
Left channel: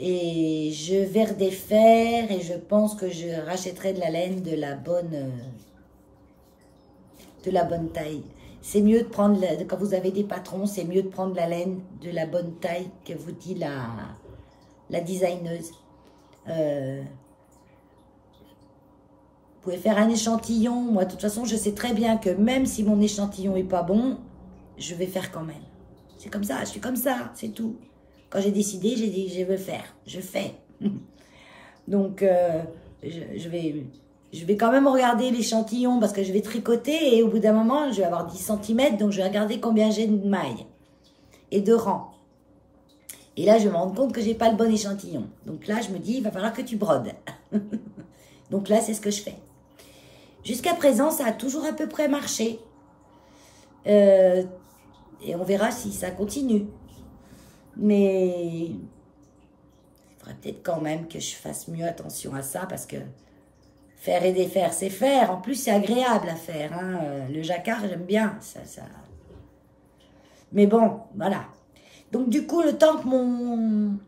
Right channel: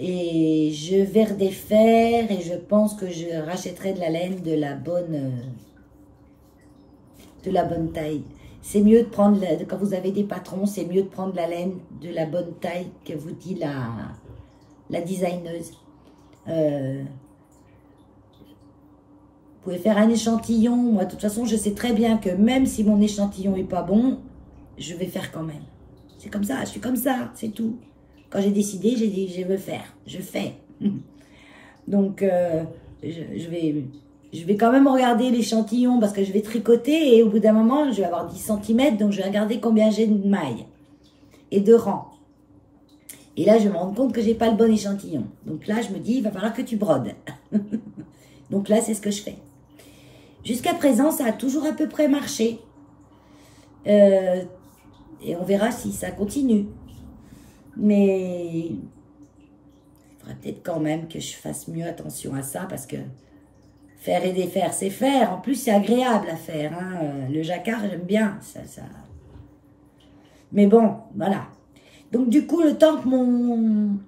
Et je vais redéfaire, et je pense que je rachèterai de la laine de la bonne taille. C'est mieux de prendre, quand vous avez des patrons, c'est mieux de prendre la laine de la bonne taille que vous dit la designeuse. Vous pouvez faire un échantillon. Moi, de toute façon, je sais très bien que même si mon échantillon n'est pas bon, je vais faire quand même. C'est comme ça, je suis comme ça, c'est tout. Quand j'ai décidé, j'ai dit, je veux faire. Je fais. Donc, je vais quand même regarder l'échantillon parce que je vais tricoter et au bout d'un moment, je vais avoir 10 cm. Donc, je vais regarder combien j'ai de mailles et de rangs. Et là, je me rends compte que j'ai pas le bon échantillon. Donc là, je me dis, il va falloir que tu brodes. Donc là, c'est ce que je fais. Jusqu'à présent, ça a toujours à peu près marché. Et on verra si ça continue. Mais il faudrait peut-être quand même que je fasse mieux attention à ça parce que faire et défaire, c'est faire. En plus, c'est agréable à faire. Hein. Le jacquard, j'aime bien. Ça. Mais bon, voilà. Donc, du coup, le temps que mon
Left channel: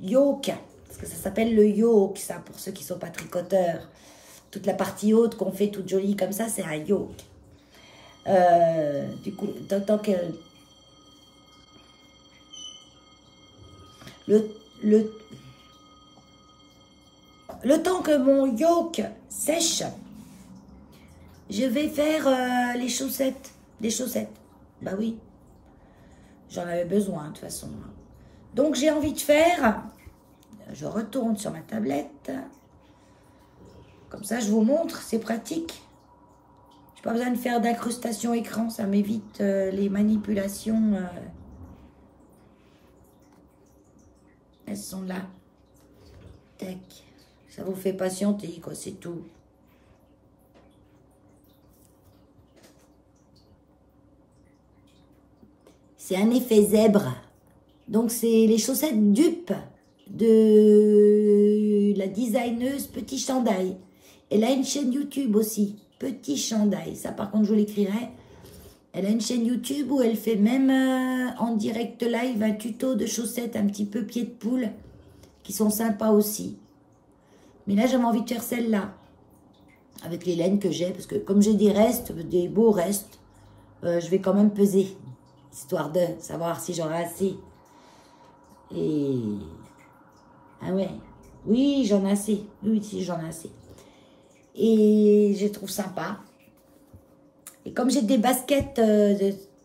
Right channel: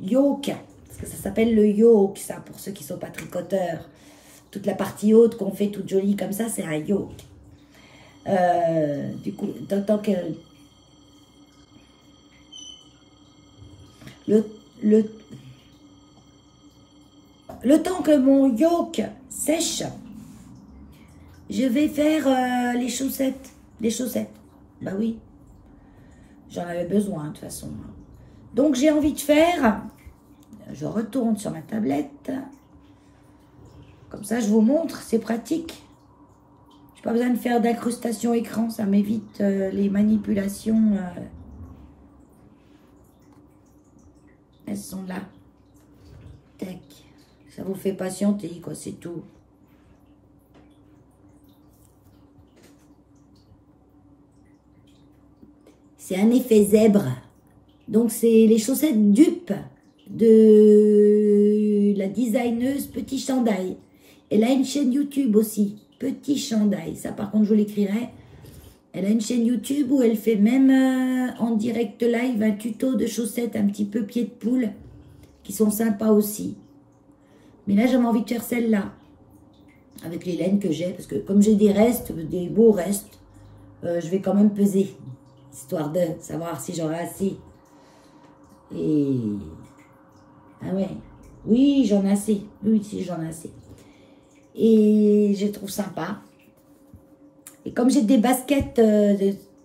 yoke, parce que ça s'appelle le yoke, ça, pour ceux qui ne sont pas tricoteurs, toute la partie haute qu'on fait toute jolie comme ça, c'est un yoke. Du coup, tant que le temps que mon yoke sèche, je vais faire les chaussettes, des chaussettes. Bah oui, j'en avais besoin de toute façon. Donc j'ai envie de faire, je retourne sur ma tablette, comme ça je vous montre, c'est pratique. J'ai pas besoin de faire d'incrustation écran, ça m'évite les manipulations. Elles sont là. Tac. Ça vous fait patienter, quoi, c'est tout. C'est un effet zèbre. Donc, c'est les chaussettes dupes de la designeuse Petit Chandail. Elle a une chaîne YouTube aussi, Petit Chandail. Ça, par contre, je vous l'écrirai. Elle a une chaîne YouTube où elle fait même en direct live un tuto de chaussettes un petit peu pied de poule qui sont sympas aussi. Mais là, j'avais envie de faire celle-là avec les laines que j'ai parce que comme j'ai des restes, des beaux restes, je vais quand même peser histoire de savoir si j'aurai assez. Et ah ouais, oui, j'en ai assez. Oui, si j'en ai assez. Et je trouve sympa. Et comme j'ai des baskets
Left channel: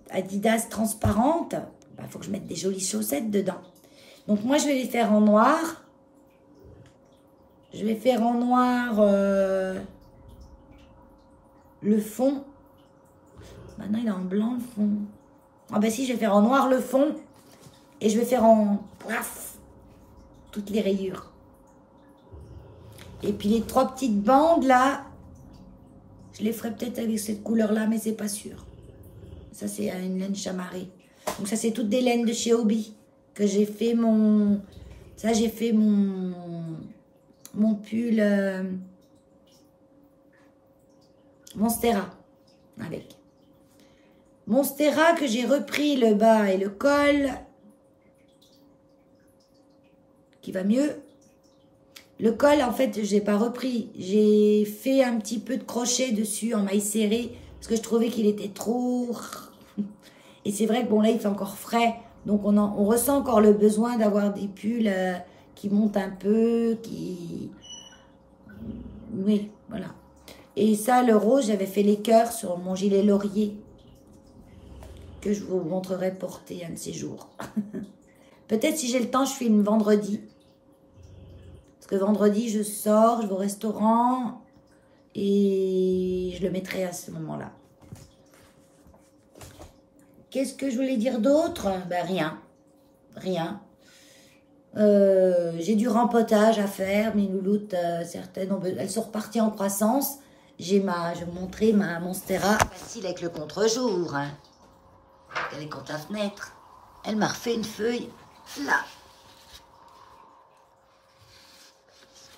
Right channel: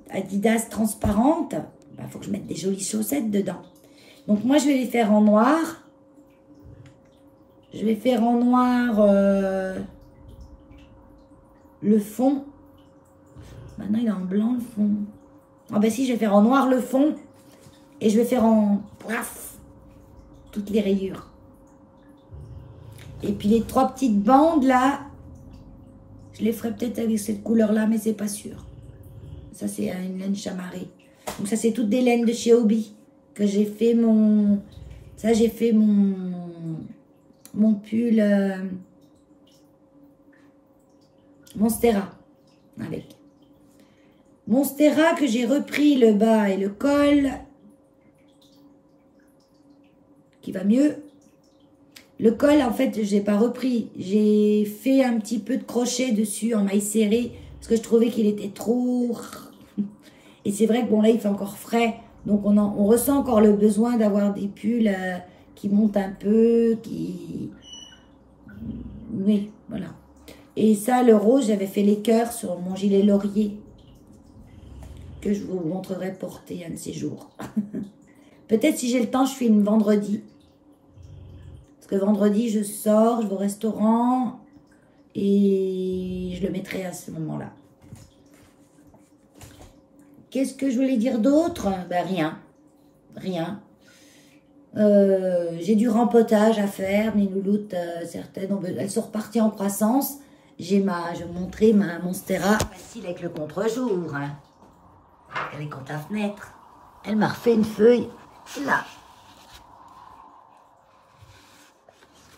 Adidas transparentes, bah, faut que je mette des jolies chaussettes dedans. Donc moi, je vais les faire en noir. Je vais faire en noir le fond. Maintenant, il est en blanc le fond. Ah ben si, je vais faire en noir le fond. Et je vais faire en bref toutes les rayures. Et puis les 3 petites bandes là, je les ferai peut-être avec cette couleur-là, mais c'est pas sûr. Ça, c'est une laine chamarrée. Donc, ça, c'est toutes des laines de chez Hobby que j'ai fait mon... Ça, j'ai fait mon pull Monstera avec. Monstera que j'ai repris le bas et le col qui va mieux. Le col, en fait, je n'ai pas repris. J'ai fait un petit peu de crochet dessus en maille serrée parce que je trouvais qu'il était trop... Et c'est vrai que bon, là, il fait encore frais. Donc, on ressent encore le besoin d'avoir des pulls qui montent un peu, qui... Oui, voilà. Et ça, le rose, j'avais fait les cœurs sur mon gilet laurier que je vous montrerai porter un de ces jours. Peut-être si j'ai le temps, je filme vendredi. Parce que vendredi, je sors, je vais au restaurant et je le mettrai à ce moment-là. Qu'est-ce que je voulais dire d'autre? Ben rien. Rien. J'ai du rempotage à faire. Mes louloutes, certaines, elles sont reparties en croissance. Je vais vous montrer ma Monstera. Facile avec le contre-jour. Hein. Regardez contre la fenêtre. Elle m'a refait une feuille là.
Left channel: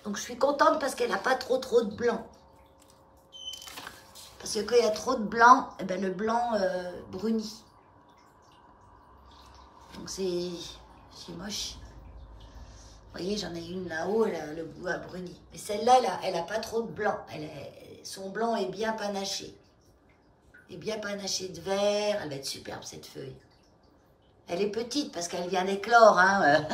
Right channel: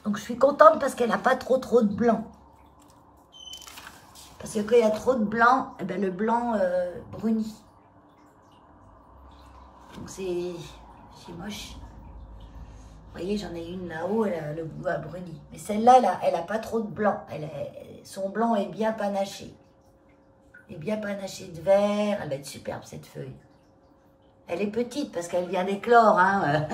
Donc je suis contente parce qu'elle n'a pas trop de blanc. Parce que quand il y a trop de blanc, eh ben le blanc brunit. Donc c'est moche. Vous voyez, j'en ai une là-haut, le bout a bruni. Mais celle-là, elle a pas trop de blanc. Son blanc est bien panaché. Et bien panaché de vert. Elle va être superbe cette feuille. Elle est petite parce qu'elle vient d'éclore. Hein.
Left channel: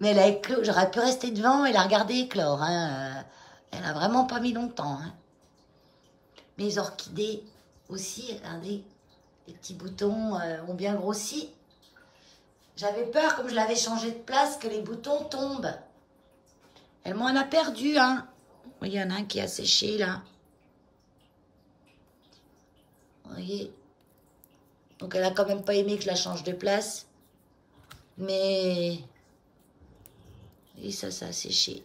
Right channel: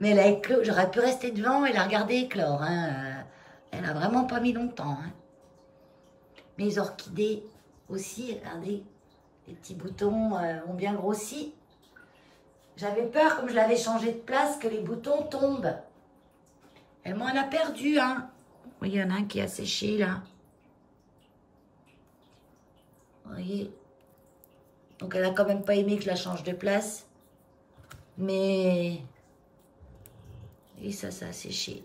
Mais elle a éclos. J'aurais pu rester devant et la regarder éclore. Hein. Elle a vraiment pas mis longtemps. Hein. Mes orchidées aussi, regardez. Les petits boutons ont bien grossi. J'avais peur, comme je l'avais changé de place, que les boutons tombent. Elle m'en a perdu, hein. Il y en a un qui a séché, là. Vous voyez. Donc, elle a quand même pas aimé que je la change de place. Mais... Et ça a séché.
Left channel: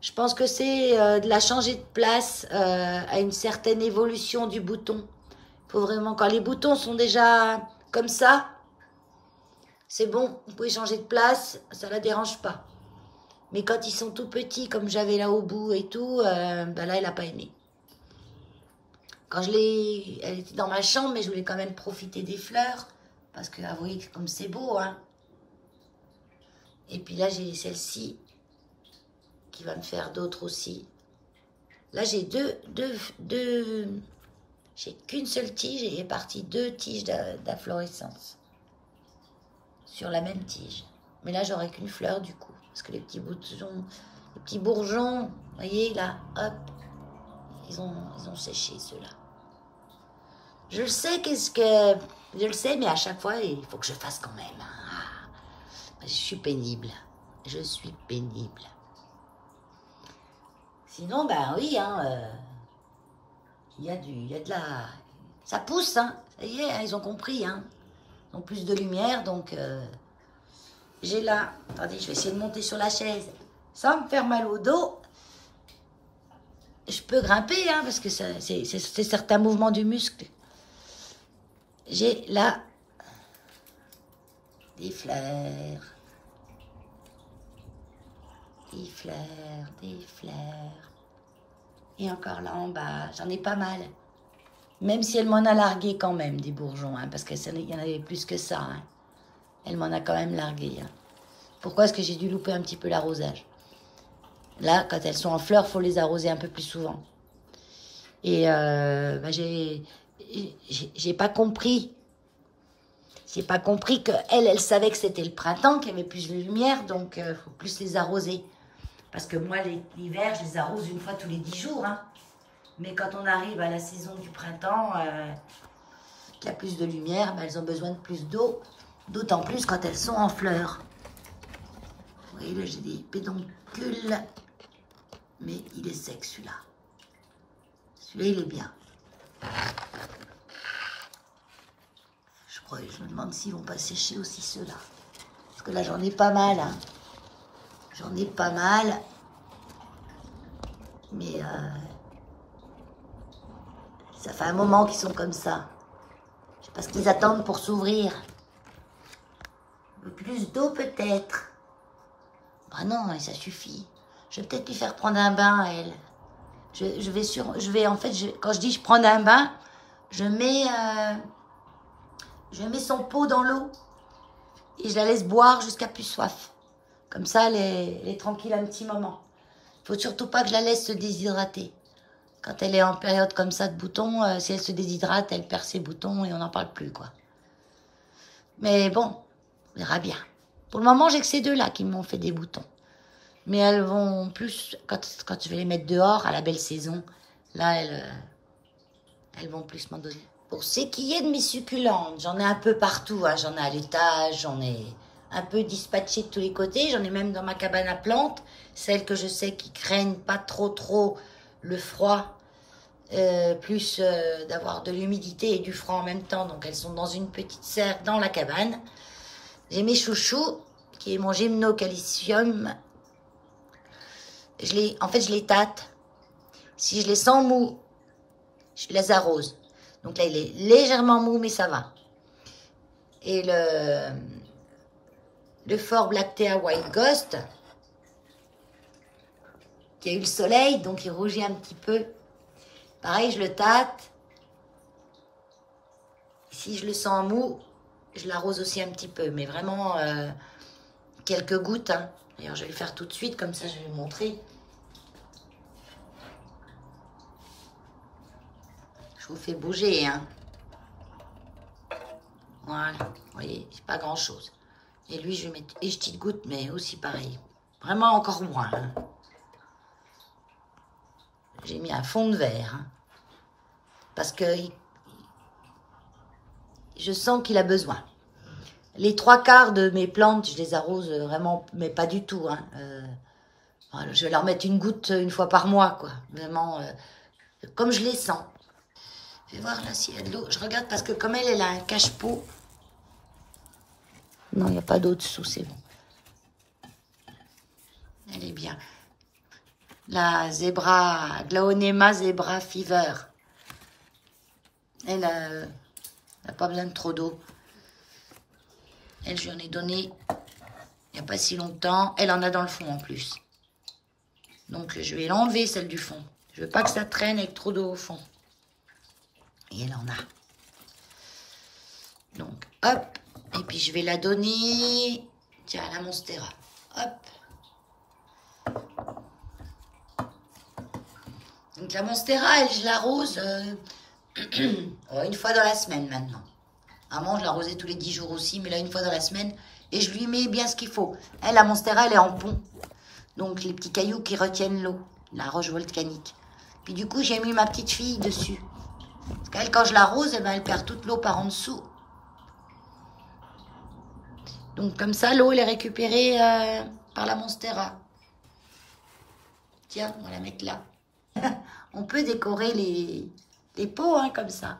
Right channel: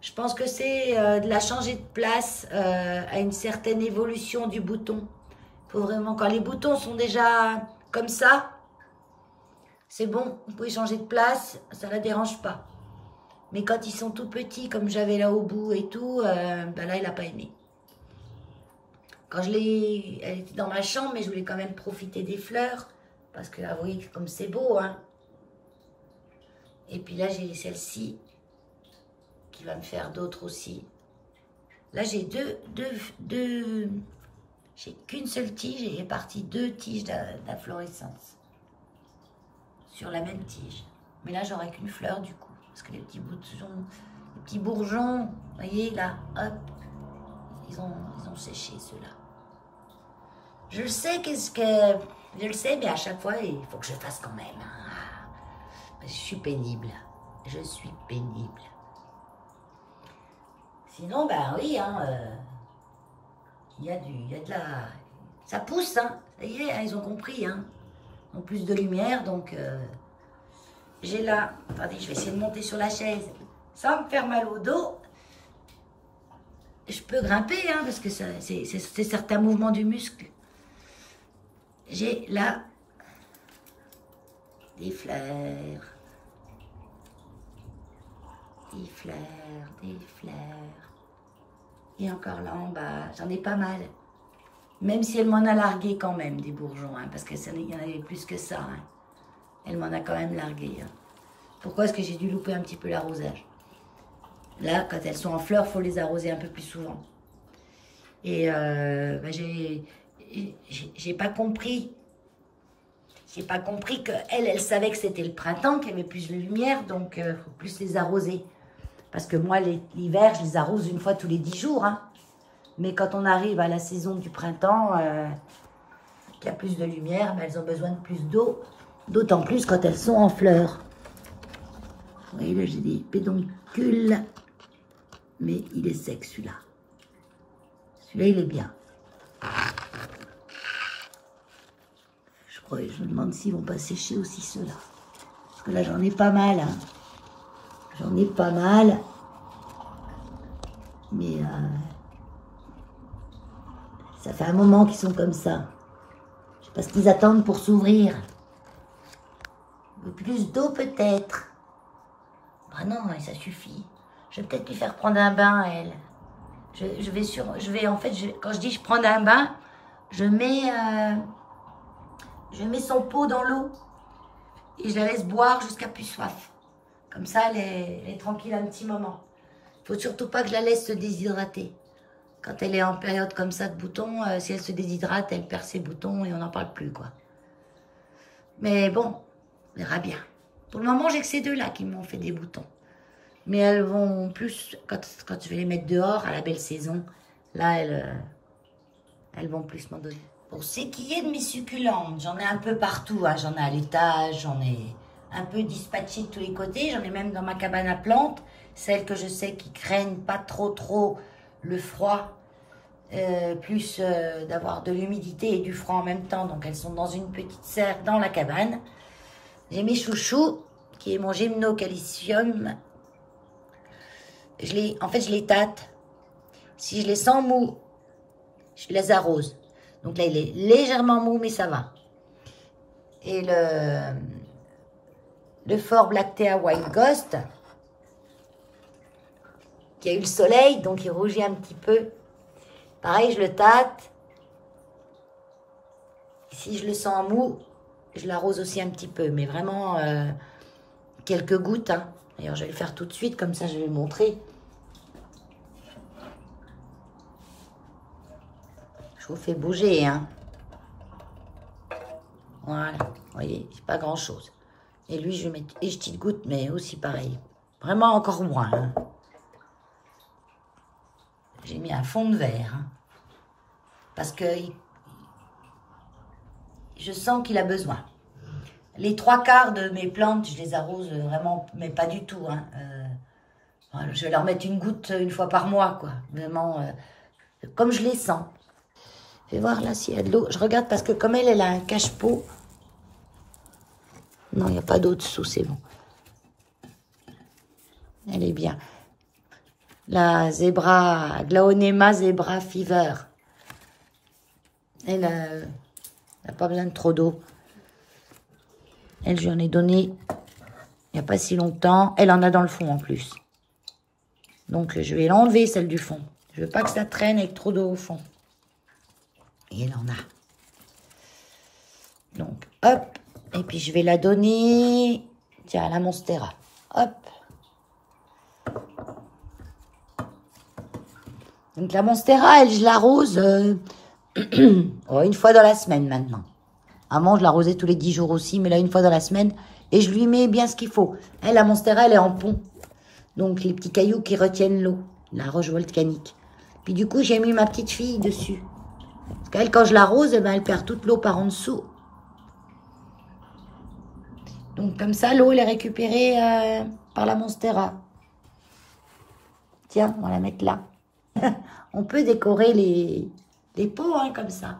Je pense que c'est de la changer de place à une certaine évolution du bouton. Il faut vraiment, quand les boutons sont déjà... comme ça, c'est bon, vous pouvez changer de place, ça la dérange pas. Mais quand ils sont tout petits, comme j'avais là au bout et tout, bah là, elle n'a pas aimé. Quand elle était dans ma chambre, mais je voulais quand même profiter des fleurs, parce que, avouez que comme c'est beau, hein. Et puis là, j'ai celle-ci, qui va me faire d'autres aussi. Là, j'ai j'ai qu'une seule tige et il est parti 2 tiges d'inflorescence sur la même tige. Mais là, j'aurai qu'une fleur du coup, parce que les petits bourgeons, vous voyez là, hop, ils ont séché ceux-là. Je le sais, je le sais, mais à chaque fois, il faut que je fasse quand même. Ah, je suis pénible. Je suis pénible. Sinon, ben oui, hein, il y a de la... Ça pousse, hein. Ça y est, hein, ils ont compris, hein. Ils ont plus de lumière, donc... j'ai là... Attendez, je vais essayer de monter sur la chaise sans me faire mal au dos. Je peux grimper, hein, parce que c'est certains mouvements du muscle. J'ai là... des fleurs. Des fleurs, des fleurs. Et encore là en bas, j'en ai pas mal. Même si elle m'en a largué quand même, des bourgeons, hein, parce qu'il y en avait plus que ça. Hein. Elle m'en a quand même largué. Hein. Pourquoi est-ce que j'ai dû louper un petit peu l'arrosage? Là, quand elles sont en fleurs, il faut les arroser un peu plus souvent. Et bah, j'ai pas compris. J'ai pas compris qu'elle savait que c'était le printemps, qu'il y avait plus de lumière, donc il faut plus les arroser. Parce que moi, l'hiver, je les arrose une fois tous les 10 jours. Hein. Mais quand on arrive à la saison du printemps, qu'il y a plus de lumière, ben, elles ont besoin de plus d'eau. D'autant plus quand elles sont en fleurs. Vous voyez, là, j'ai des pédoncules. Mais il est sec, celui-là. Celui-là, il est bien. Je me demande s'ils vont pas sécher aussi ceux-là. Parce que là, j'en ai pas mal. Hein. J'en ai pas mal. Mais ça fait un moment qu'ils sont comme ça. Je sais pas ce qu'ils attendent pour s'ouvrir. Plus d'eau peut-être. Bah non, ça suffit. Je vais peut-être lui faire prendre un bain à elle. En fait, quand je dis je prends un bain, je mets son pot dans l'eau et je la laisse boire jusqu'à plus soif. Comme ça, elle est tranquille un petit moment. Il faut surtout pas que je la laisse se déshydrater. Quand elle est en période comme ça de boutons, si elle se déshydrate, elle perd ses boutons et on n'en parle plus, quoi. Mais bon, on verra bien. Pour le moment, j'ai que ces deux-là qui m'ont fait des boutons. Mais elles vont plus, quand je vais les mettre dehors, à la belle saison, là, elles vont plus m'en donner. Pour ce qui est de mes succulentes, j'en ai un peu partout. Hein. J'en ai à l'étage, j'en ai un peu dispatché de tous les côtés. J'en ai même dans ma cabane à plantes. Celles que je sais qui craignent pas trop le froid. Plus d'avoir de l'humidité et du froid en même temps. Donc elles sont dans une petite serre dans la cabane. J'ai mes chouchous, qui est mon gymnocalcium. En fait, je les tâte. Si je les sens mous, je les arrose. Donc là, il est légèrement mou, mais ça va. Et le Fort Blactea White Ghost, qui a eu le soleil, donc il rougit un petit peu. Pareil, je le tâte. Si je le sens mou, je l'arrose aussi un petit peu, mais vraiment quelques gouttes. Hein. D'ailleurs, je vais le faire tout de suite, comme ça je vais vous montrer. Je vous fais bouger, hein. Voilà, vous voyez, c'est pas grand-chose. Et lui, je vais mettre des petites gouttes, mais aussi pareil. Vraiment encore moins. Hein. J'ai mis un fond de verre. Hein, parce que je sens qu'il a besoin. Les 3/4 de mes plantes, je les arrose vraiment, mais pas du tout. Hein. Voilà, je vais leur mettre une goutte une fois par mois, quoi. Vraiment, comme je les sens. Je vais voir là s'il y a de l'eau. Je regarde parce que comme elle a un cache-pot. Non, il n'y a pas d'eau dessous, c'est bon. Elle est bien. La Glaonema Zebra Fever. Elle n'a pas besoin de trop d'eau. Elle, je lui en ai donné il n'y a pas si longtemps. Elle en a dans le fond en plus. Donc, je vais l'enlever, celle du fond. Je veux pas que ça traîne avec trop d'eau au fond. Et elle en a. Donc, hop. Et puis, je vais la donner, tiens, à la Monstera. Hop. Donc, la Monstera, elle, je l'arrose une fois dans la semaine maintenant. Avant, je l'arrosais tous les 10 jours aussi, mais là, une fois dans la semaine. Et je lui mets bien ce qu'il faut. Elle, la Monstera, elle est en pont. Donc, les petits cailloux qui retiennent l'eau. La roche volcanique. Puis, du coup, j'ai mis ma petite fille dessus. Parce qu'elle, quand je l'arrose, eh ben, elle perd toute l'eau par en dessous. Donc, comme ça, l'eau, elle est récupérée par la Monstera. Tiens, on va la mettre là. On peut décorer les pots, hein, comme ça.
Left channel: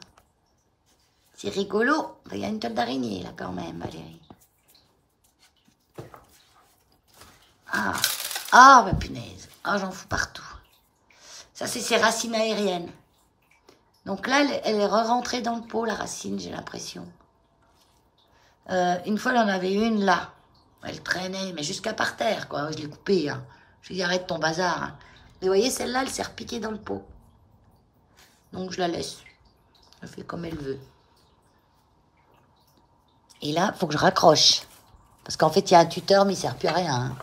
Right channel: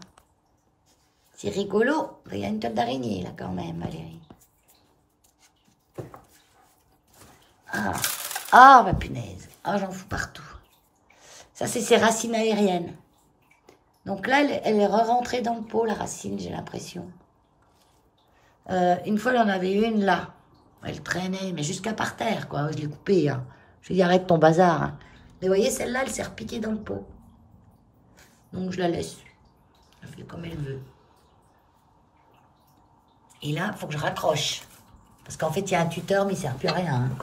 C'est rigolo. Il y a une toile d'araignée, là, quand même, Valérie. Ah, bah punaise. Ah, j'en fous partout. Ça, c'est ses racines aériennes. Donc là, elle est re-rentrée dans le pot, la racine, j'ai l'impression. Une fois, elle en avait une, là. Elle traînait, mais jusqu'à par terre, quoi. Je l'ai coupée, hein. Je lui ai dit, arrête ton bazar. Hein. Mais vous voyez, celle-là, elle s'est repiquée dans le pot. Donc, je la laisse. Elle fait comme elle veut. Et là, il faut que je raccroche. Parce qu'en fait, il y a un tuteur, mais il ne sert plus à rien. Hein.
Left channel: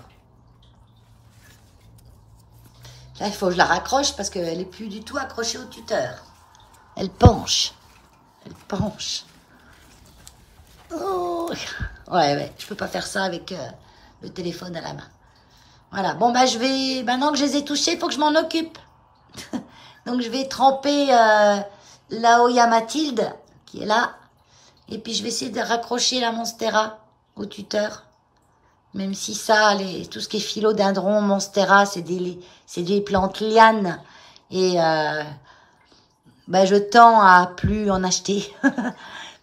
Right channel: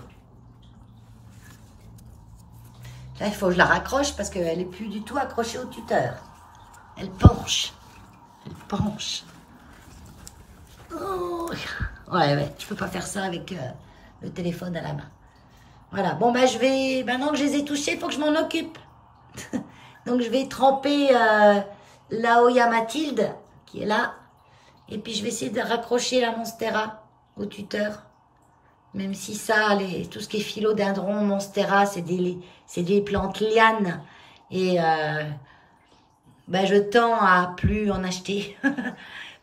Là, il faut que je la raccroche parce qu'elle n'est plus du tout accrochée au tuteur. Elle penche. Elle penche. Oh. Ouais, je peux pas faire ça avec le téléphone à la main. Voilà, bon, bah, je vais, maintenant que je les ai touchés, il faut que je m'en occupe. Donc, je vais tremper la Oya Mathilde, qui est là. Et puis, je vais essayer de raccrocher la Monstera au tuteur. Même si ça, tout ce qui est philodendron, Monstera, c'est des plantes lianes. Et bah, je tends à plus en acheter.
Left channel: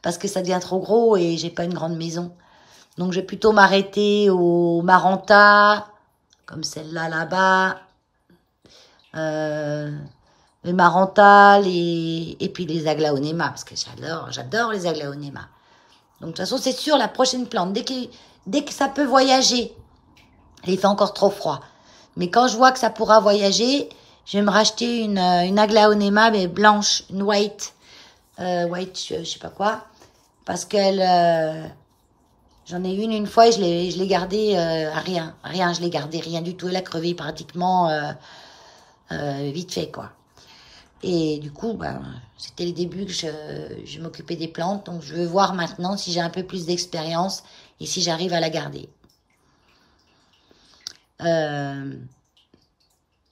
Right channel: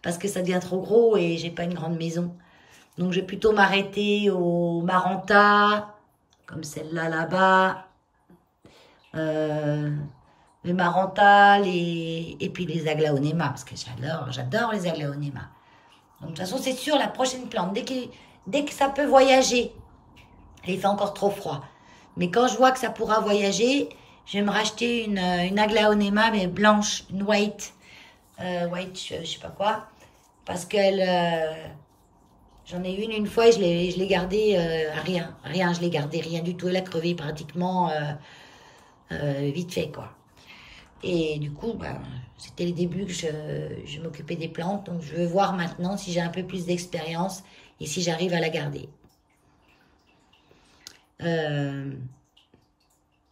Parce que ça devient trop gros et j'ai pas une grande maison. Donc, je vais plutôt m'arrêter au Maranta, comme celle-là, là-bas. Le Maranta, et puis les aglaonema, parce que j'adore les aglaonema. Donc, de toute façon, c'est sûr, la prochaine plante, dès que ça peut voyager, il fait encore trop froid. Mais quand je vois que ça pourra voyager, je vais me racheter une aglaonema, mais blanche, une white, je sais pas quoi, parce qu'elle, j'en ai une fois et je l'ai gardée à rien, je l'ai gardée rien du tout, elle a crevé pratiquement vite fait, quoi. Et du coup, ben, c'était les débuts que je m'occupais des plantes, donc je veux voir maintenant si j'ai un peu plus d'expérience et si j'arrive à la garder.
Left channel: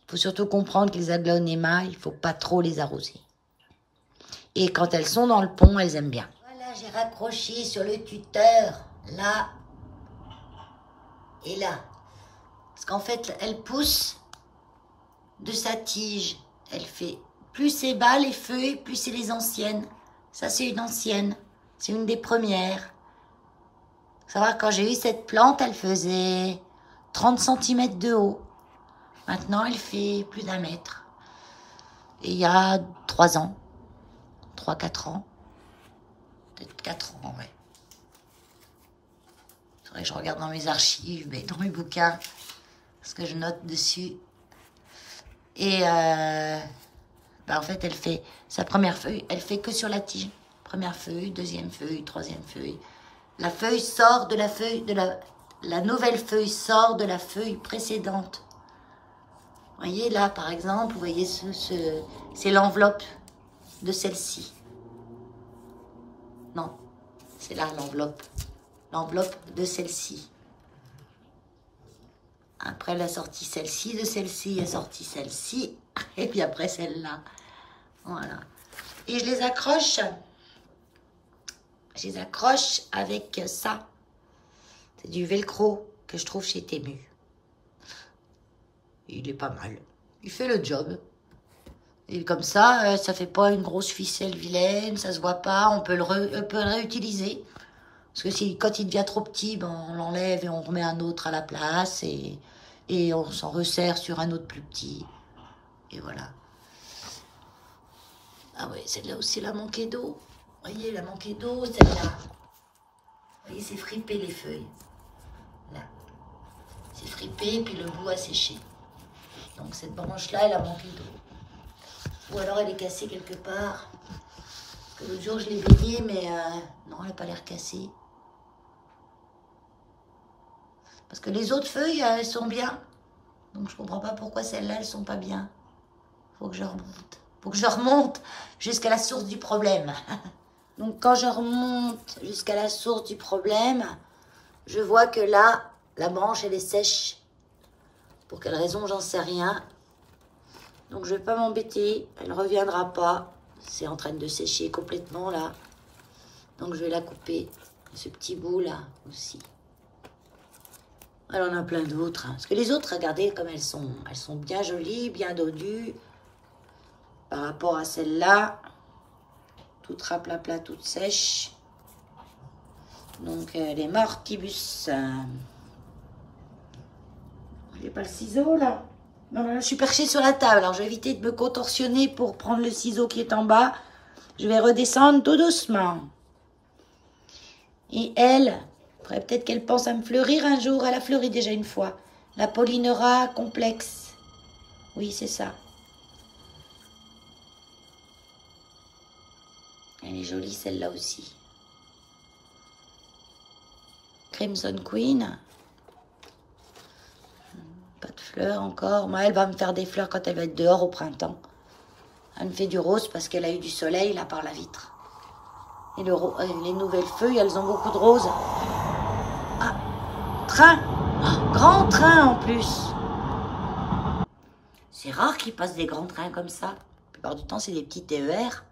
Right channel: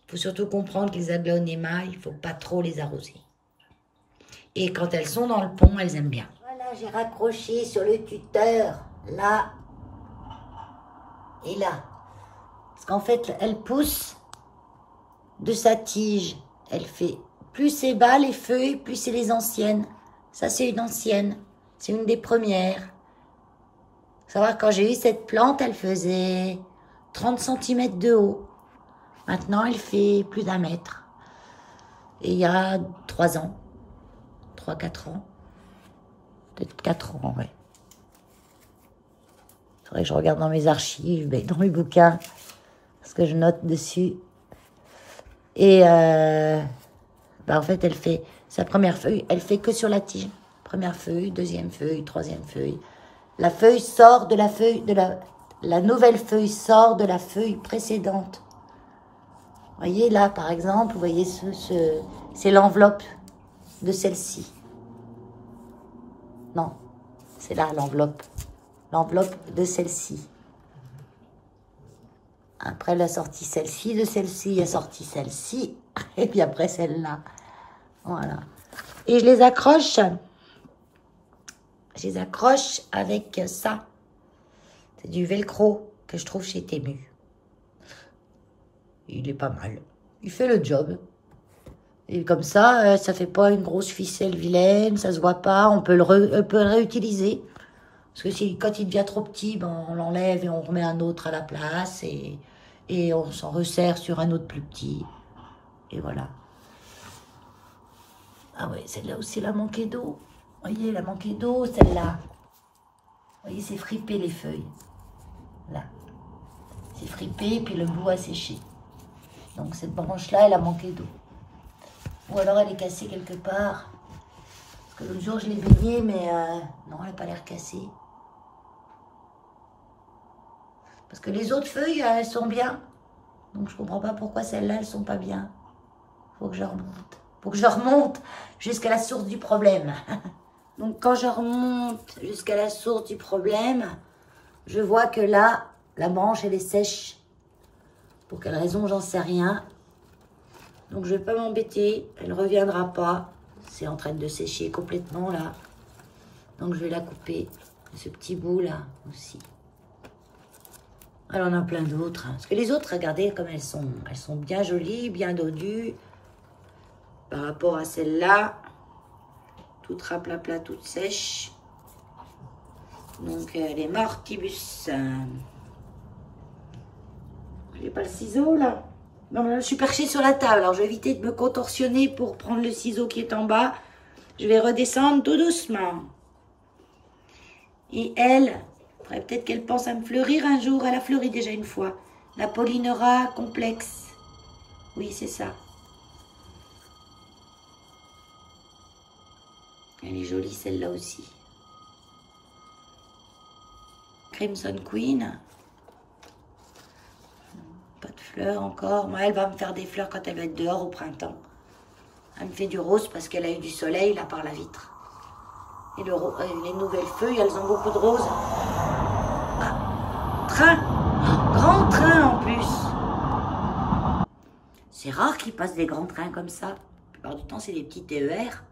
Faut surtout comprendre que les aglaonema, il faut pas trop les arroser. Et quand elles sont dans le pont, elles aiment bien. Voilà, j'ai raccroché sur le tuteur, là et là. Parce qu'en fait, elle pousse de sa tige. Elle fait, plus c'est bas les feuilles, plus c'est les anciennes. Ça, c'est une ancienne. C'est une des premières. Faut savoir, quand j'ai eu cette plante, elle faisait 30 cm de haut. Maintenant, elle fait plus d'1 mètre. Et il y a 3 ans. 3-4 ans. Peut-être 4 ans, ouais. Il faudrait que je regarde dans mes archives, dans mes bouquins, parce que je note dessus. Et en fait, elle fait sa première feuille, elle fait que sur la tige. Première feuille, deuxième feuille, troisième feuille. La feuille sort de la feuille, la nouvelle feuille sort de la feuille précédente. Vous voyez là, par exemple, vous voyez c'est l'enveloppe de celle-ci. Non, c'est là l'enveloppe. L'enveloppe de celle-ci. Après, elle a sorti celle-ci, de celle-ci, elle a sorti celle-ci, et puis après celle-là. Voilà. Et je les accroche. Je les accroche avec ça. C'est du velcro que je trouve chez Temu. Il est pas mal. Il fait le job. Et comme ça, ça fait pas une grosse ficelle vilaine, ça se voit pas, on peut le réutiliser. Parce que quand il devient trop petit, ben, on l'enlève et on remet un autre à la place et on s'en resserre sur un autre plus petit. Et voilà. Ah ouais, celle-là aussi, elle a manqué d'eau. Vous voyez, elle a manqué d'eau, celle-là. Vous voyez, c'est fripé les feuilles. Là. C'est fripé, puis le bout a séché. Donc cette branche-là, elle a manqué d'eau. Ou alors elle est cassée quelque part. Parce que l'autre jour, je l'ai baignée, mais non, elle n'a pas l'air cassée. Parce que les autres feuilles, elles sont bien. Donc je comprends pas pourquoi celles-là, elles sont pas bien. Faut que je remonte. Faut que je remonte jusqu'à la source du problème. Donc quand je remonte jusqu'à la source du problème, je vois que là, la branche, elle est sèche. Pour quelle raison, j'en sais rien. Donc je vais pas m'embêter, elle ne reviendra pas. C'est en train de sécher complètement là. Donc je vais la couper. Ce petit bout là aussi. Elle en a plein d'autres. Hein. Parce que les autres, regardez comme elles sont bien jolies, bien dodues. Par rapport à celle-là, toute raplapla, toute sèche. Donc les Martibus. J'ai pas le ciseau là. Non, mais là, je suis perchée sur la table. Alors je vais éviter de me contorsionner pour prendre le ciseau qui est en bas. Je vais redescendre tout doucement. Et elle, faudrait peut-être qu'elle pense à me fleurir un jour. Elle a fleuri déjà une fois. La Polynera complexe. Oui, c'est ça. Elle est jolie celle-là aussi. Crimson Queen. Pas de fleurs encore. Moi, elle va me faire des fleurs quand elle va être dehors au printemps. Elle me fait du rose parce qu'elle a eu du soleil là par la vitre. Et les nouvelles feuilles, elles ont beaucoup de rose. Ah, train. Grand train en plus. C'est rare qu'il passe des grands trains comme ça. La plupart du temps, c'est des petits TER.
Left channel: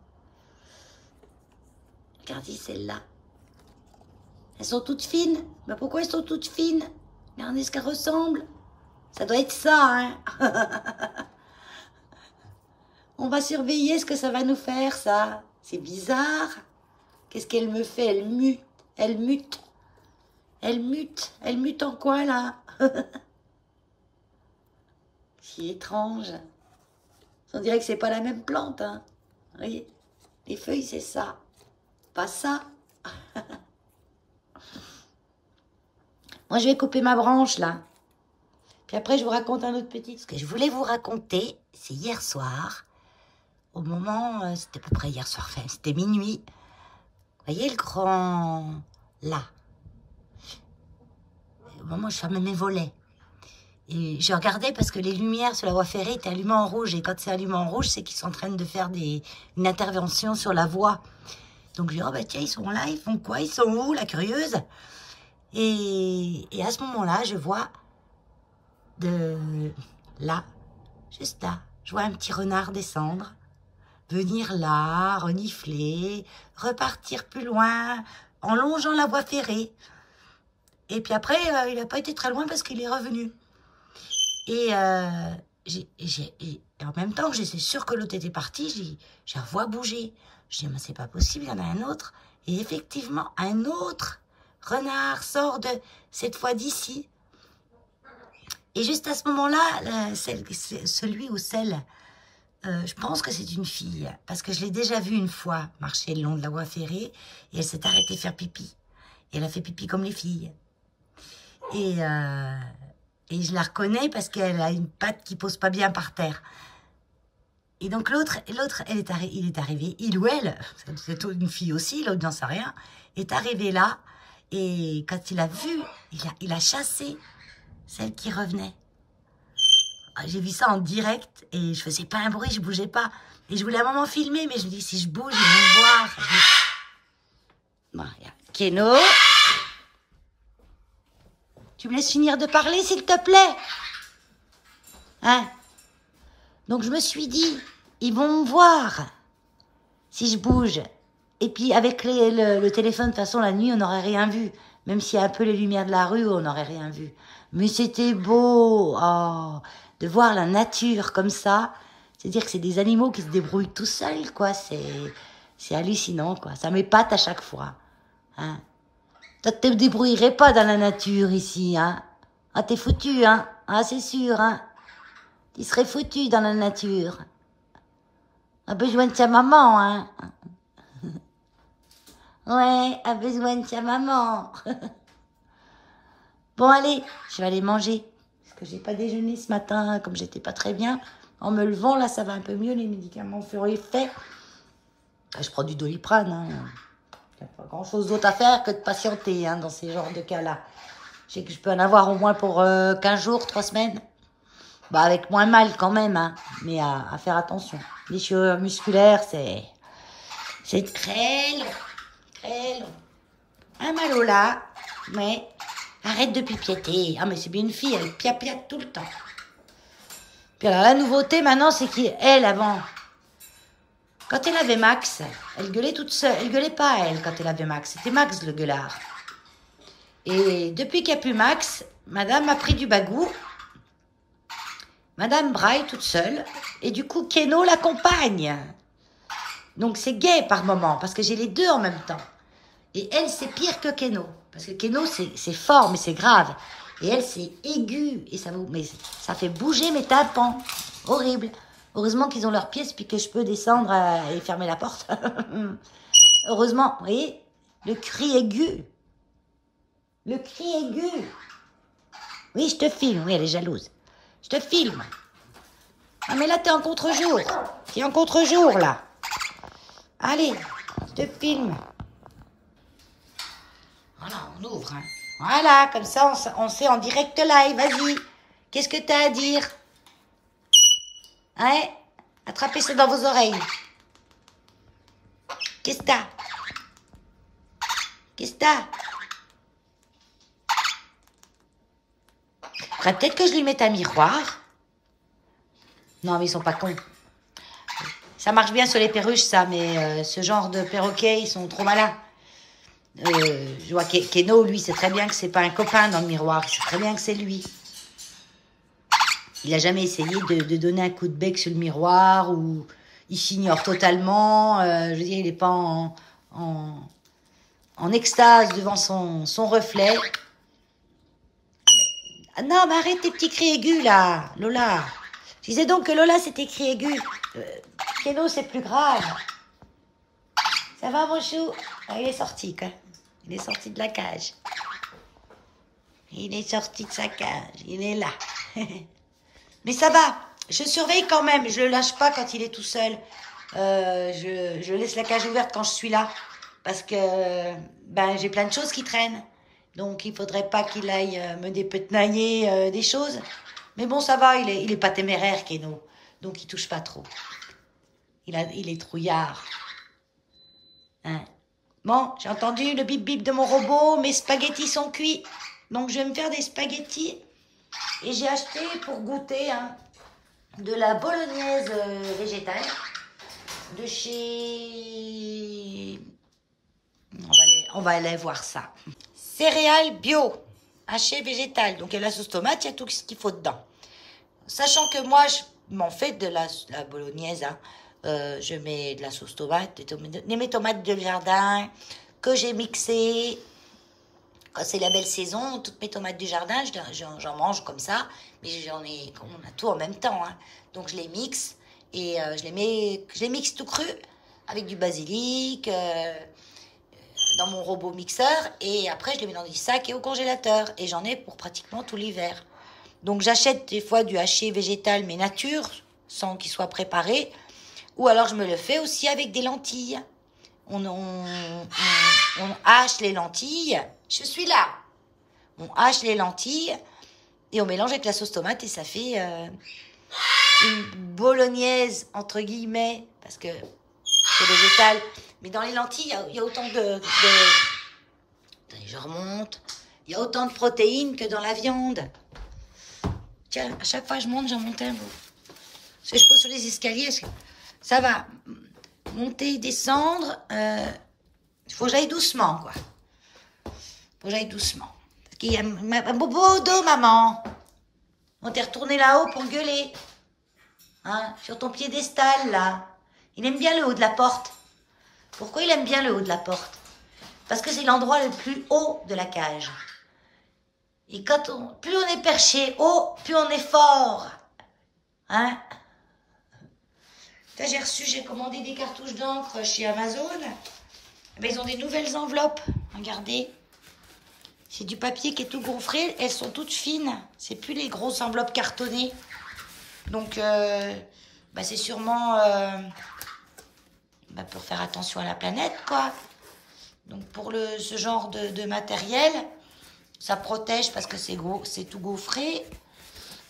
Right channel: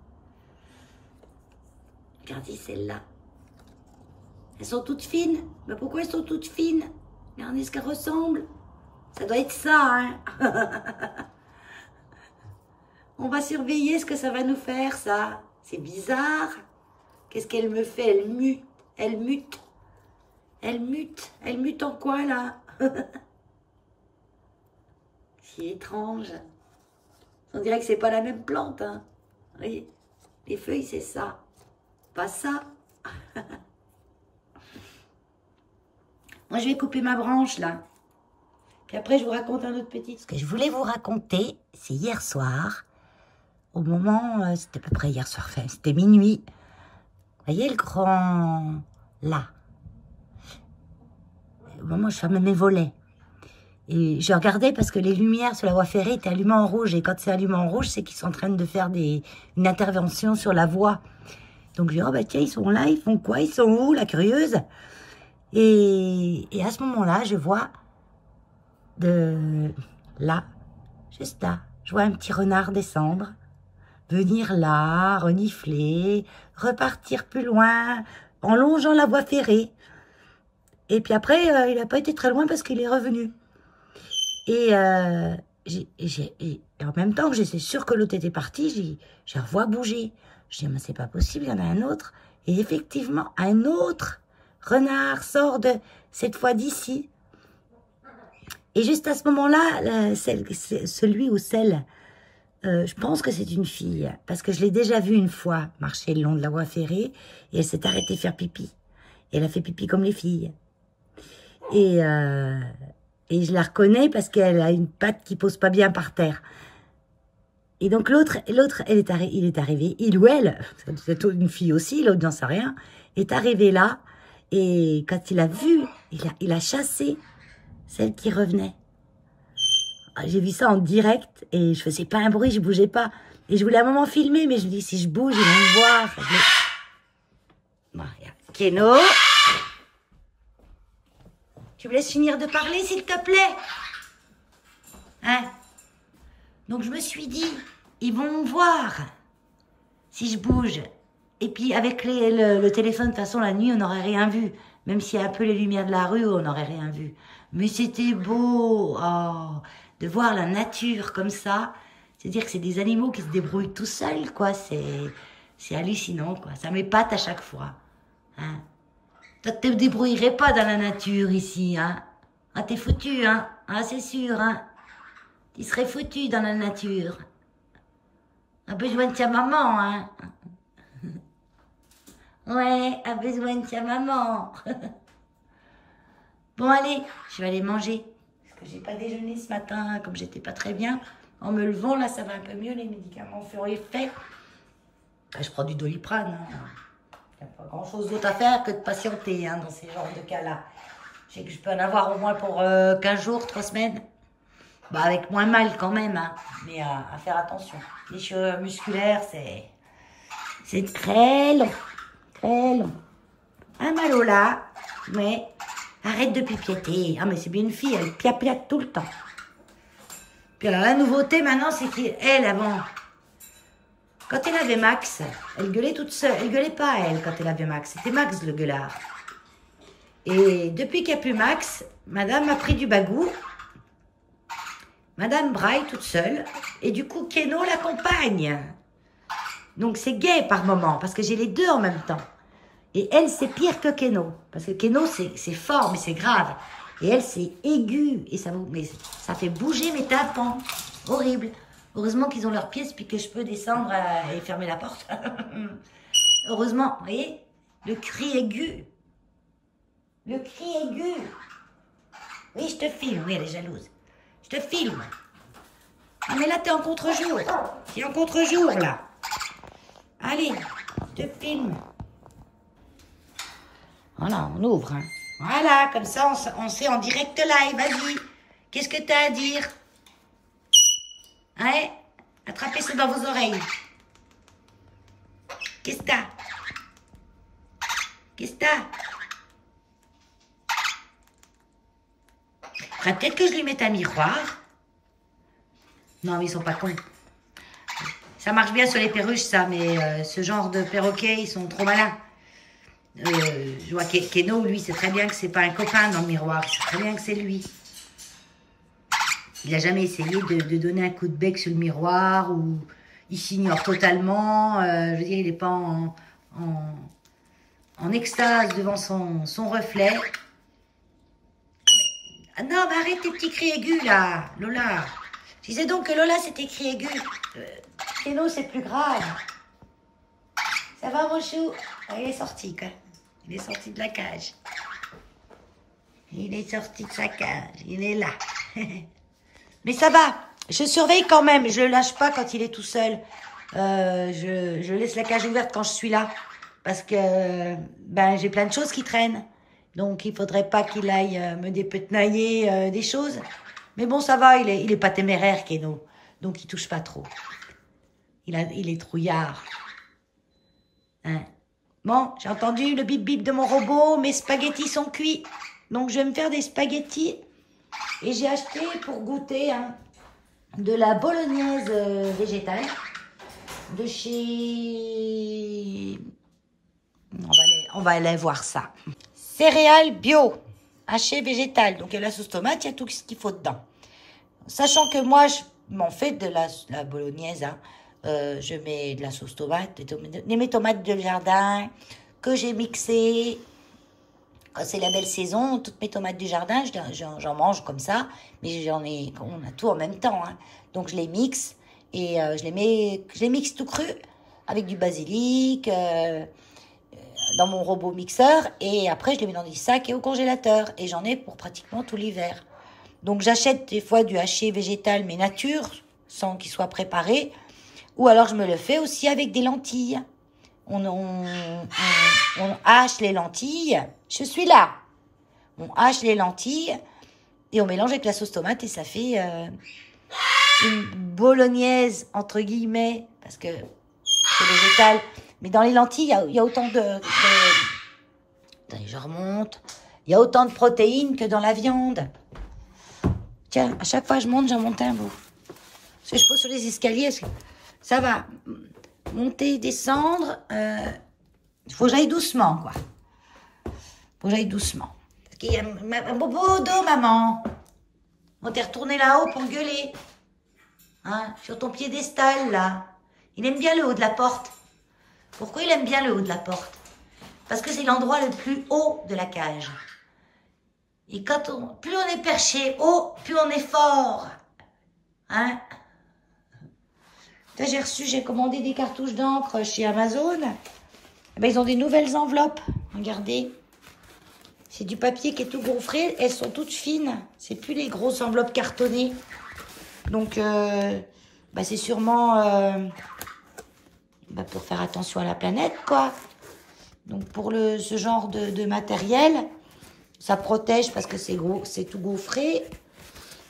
Regardez celles-là. Elles sont toutes fines. Mais pourquoi elles sont toutes fines? Regardez ce qu'elles ressemblent. Ça doit être ça, hein. On va surveiller ce que ça va nous faire, ça. C'est bizarre. Qu'est-ce qu'elle me fait? Elle mute. Elle mute. Elle mute. Elle mute en quoi, là? C'est étrange. On dirait que c'est pas la même plante, hein. Vous voyez? Les feuilles, c'est ça. Pas ça. Moi, je vais couper ma branche, là. Puis après, je vous raconte un autre petit. Ce que je voulais vous raconter, c'est hier soir, au moment, c'était à peu près hier soir, enfin, c'était minuit. Vous voyez le grand, là. Au moment où je fermais mes volets. Et je regardais parce que les lumières sur la voie ferrée étaient allumées en rouge. Et quand c'est allumé en rouge, c'est qu'ils sont en train de faire une intervention sur la voie. Donc je dis, oh bah tiens, ils sont là, ils font quoi? Ils sont où, la curieuse? Et à ce moment-là, je vois là, juste là, je vois un petit renard descendre, venir là, renifler, repartir plus loin, en longeant la voie ferrée. Et puis après, il n'a pas été très loin parce qu'il est revenu. Et en même temps que j'étais sûre que l'autre était parti, j'ai revois bouger. Je dis, mais c'est pas possible, il y en a un autre. Et effectivement, un autre renard sort cette fois d'ici. Et juste à ce moment-là, celui ou celle, je pense que c'est une fille, parce que je l'ai déjà vue une fois marcher le long de la voie ferrée, et elle s'est arrêtée faire pipi. Et elle a fait pipi comme les filles. Et je la reconnais parce qu'elle a une patte qui pose pas bien par terre. Et donc l'autre, il est arrivé, il ou elle, c'est une fille aussi, l'autre n'en sait rien, est arrivé là, et quand il a vu, il a chassé celle qui revenait. J'ai vu ça en direct, et je faisais pas un bruit, je bougeais pas. Et je voulais à un moment filmer, mais je me dis, si je bouge, ils vont me voir. Bon, Keno, tu me laisses finir de parler, s'il te plaît? Hein? Donc je me suis dit, ils vont me voir si je bouge. Et puis avec le téléphone, de toute façon, la nuit, on n'aurait rien vu. Même s'il y a un peu les lumières de la rue, on n'aurait rien vu. Mais c'était beau, de voir la nature comme ça. C'est-à-dire que c'est des animaux qui se débrouillent tout seuls, quoi. C'est hallucinant, quoi. Ça m'épate à chaque fois. Hein. Toi, tu te débrouillerais pas dans la nature ici, hein. Ah, t'es foutu, hein. Ah, c'est sûr, hein. Tu serais foutu dans la nature. A besoin de sa maman, hein. Ouais, a besoin de sa maman. Bon, allez, je vais aller manger. Parce que j'ai pas déjeuné ce matin, comme j'étais pas très bien. En me levant, là, ça va un peu mieux. Les médicaments font effet. Je prends du Doliprane. Il n'y a pas grand-chose d'autre à faire que de patienter dans ces genres de cas-là. Je sais que je peux en avoir au moins pour 15 jours, 3 semaines. Bah, avec moins mal quand même, mais à faire attention. Les cheveux musculaires, c'est très long. Très long. Un malo là, mais arrête de pipiéter. Ah, mais c'est bien une fille, elle piapiate tout le temps. Puis alors, la nouveauté maintenant, c'est qu'elle, avant, quand elle avait Max, elle gueulait toute seule. Elle gueulait pas, elle, quand elle avait Max. C'était Max le gueulard. Et depuis qu'il n'y a plus Max, madame a pris du bagou. Madame braille toute seule. Et du coup, Keno l'accompagne. Donc, c'est gay par moment, parce que j'ai les deux en même temps. Et elle, c'est pire que Keno. Parce que Keno, c'est fort, mais c'est grave. Et elle, c'est aigu. Et ça fait bouger mes tympans. Horrible. Heureusement qu'ils ont leurs pièces, puis que je peux descendre et fermer la porte. Heureusement, vous voyez, le cri aigu. Le cri aigu. Oui, je te filme. Oui, elle est jalouse. Je te filme. Ah, mais là, t'es en contre-jour. T'es en contre-jour, là. Allez, je te filme. Voilà, on ouvre. Voilà, comme ça, on sait en direct live. Vas-y. Qu'est-ce que t'as à dire? Hein? Attrapez ça dans vos oreilles. Qu'est-ce que t'as? Qu'est-ce que t'as? Faudrait peut-être que je lui mette un miroir. Non, mais ils sont pas cons. Ça marche bien sur les perruches, ça, mais ce genre de perroquets, ils sont trop malins. Je vois Keno, lui, sait très bien que c'est pas un copain dans le miroir. Il sait très bien que c'est lui. Il a jamais essayé de donner un coup de bec sur le miroir ou il s'ignore totalement. Je veux dire, il n'est pas en extase devant son reflet. Ah non, mais arrête tes petits cris aigus, là, Lola. Je disais donc que Lola, c'était cris aigus. Keno, c'est plus grave. Ça va, mon chou? Ah, il est sorti, quoi. Il est sorti de la cage. Il est sorti de sa cage. Il est là. Mais ça va. Je surveille quand même. Je le lâche pas quand il est tout seul. Je laisse la cage ouverte quand je suis là. Parce que j'ai plein de choses qui traînent. Donc, il faudrait pas qu'il aille me dépetenailler des choses. Mais bon, ça va. Il est pas téméraire, Keno. Donc, il touche pas trop. Il est trouillard. Hein? Bon, j'ai entendu le bip-bip de mon robot. Mes spaghettis sont cuits. Donc, je vais me faire des spaghettis. Et j'ai acheté pour goûter de la bolognaise végétale. De chez... On va aller voir ça. Céréales bio. Haché végétal. Donc, il y a la sauce tomate, il y a tout ce qu'il faut dedans. Sachant que moi, je m'en fais de la bolognaise, je mets de la sauce tomate, mes tomates de jardin que j'ai mixées. Quand c'est la belle saison, toutes mes tomates du jardin, j'en mange comme ça. Mais on a tout en même temps. Donc je les mixe et je les mixe tout cru avec du basilic dans mon robot mixeur. Et après, je les mets dans des sacs et au congélateur. Et j'en ai pour pratiquement tout l'hiver. Donc j'achète des fois du haché végétal, mais nature, sans qu'il soit préparé. Ou alors je me le fais aussi avec des lentilles. On hache les lentilles. Je suis là. On hache les lentilles et on mélange avec la sauce tomate et ça fait une bolognaise, entre guillemets, parce que c'est végétal. Mais dans les lentilles, il y a autant de... Attendez, je remonte. Il y a autant de protéines que dans la viande. Tiens, à chaque fois que je monte, j'en monte un bout. Parce que je pose sur les escaliers, ça va monter, descendre. Il faut que j'aille doucement, quoi. Faut que j'aille doucement. Parce qu'il y a un bobo dos, maman. On t'est retourné là-haut pour gueuler. Sur ton piédestal, là. Il aime bien le haut de la porte. Pourquoi il aime bien le haut de la porte? Parce que c'est l'endroit le plus haut de la cage. Et plus on est perché haut, plus on est fort. J'ai commandé des cartouches d'encre chez Amazon. Eh ben, ils ont des nouvelles enveloppes. Regardez. C'est du papier qui est tout gonflé. Elles sont toutes fines. C'est plus les grosses enveloppes cartonnées. Donc, bah, c'est sûrement bah, pour faire attention à la planète, quoi. Donc, pour ce genre de matériel, ça protège parce que c'est tout gaufré.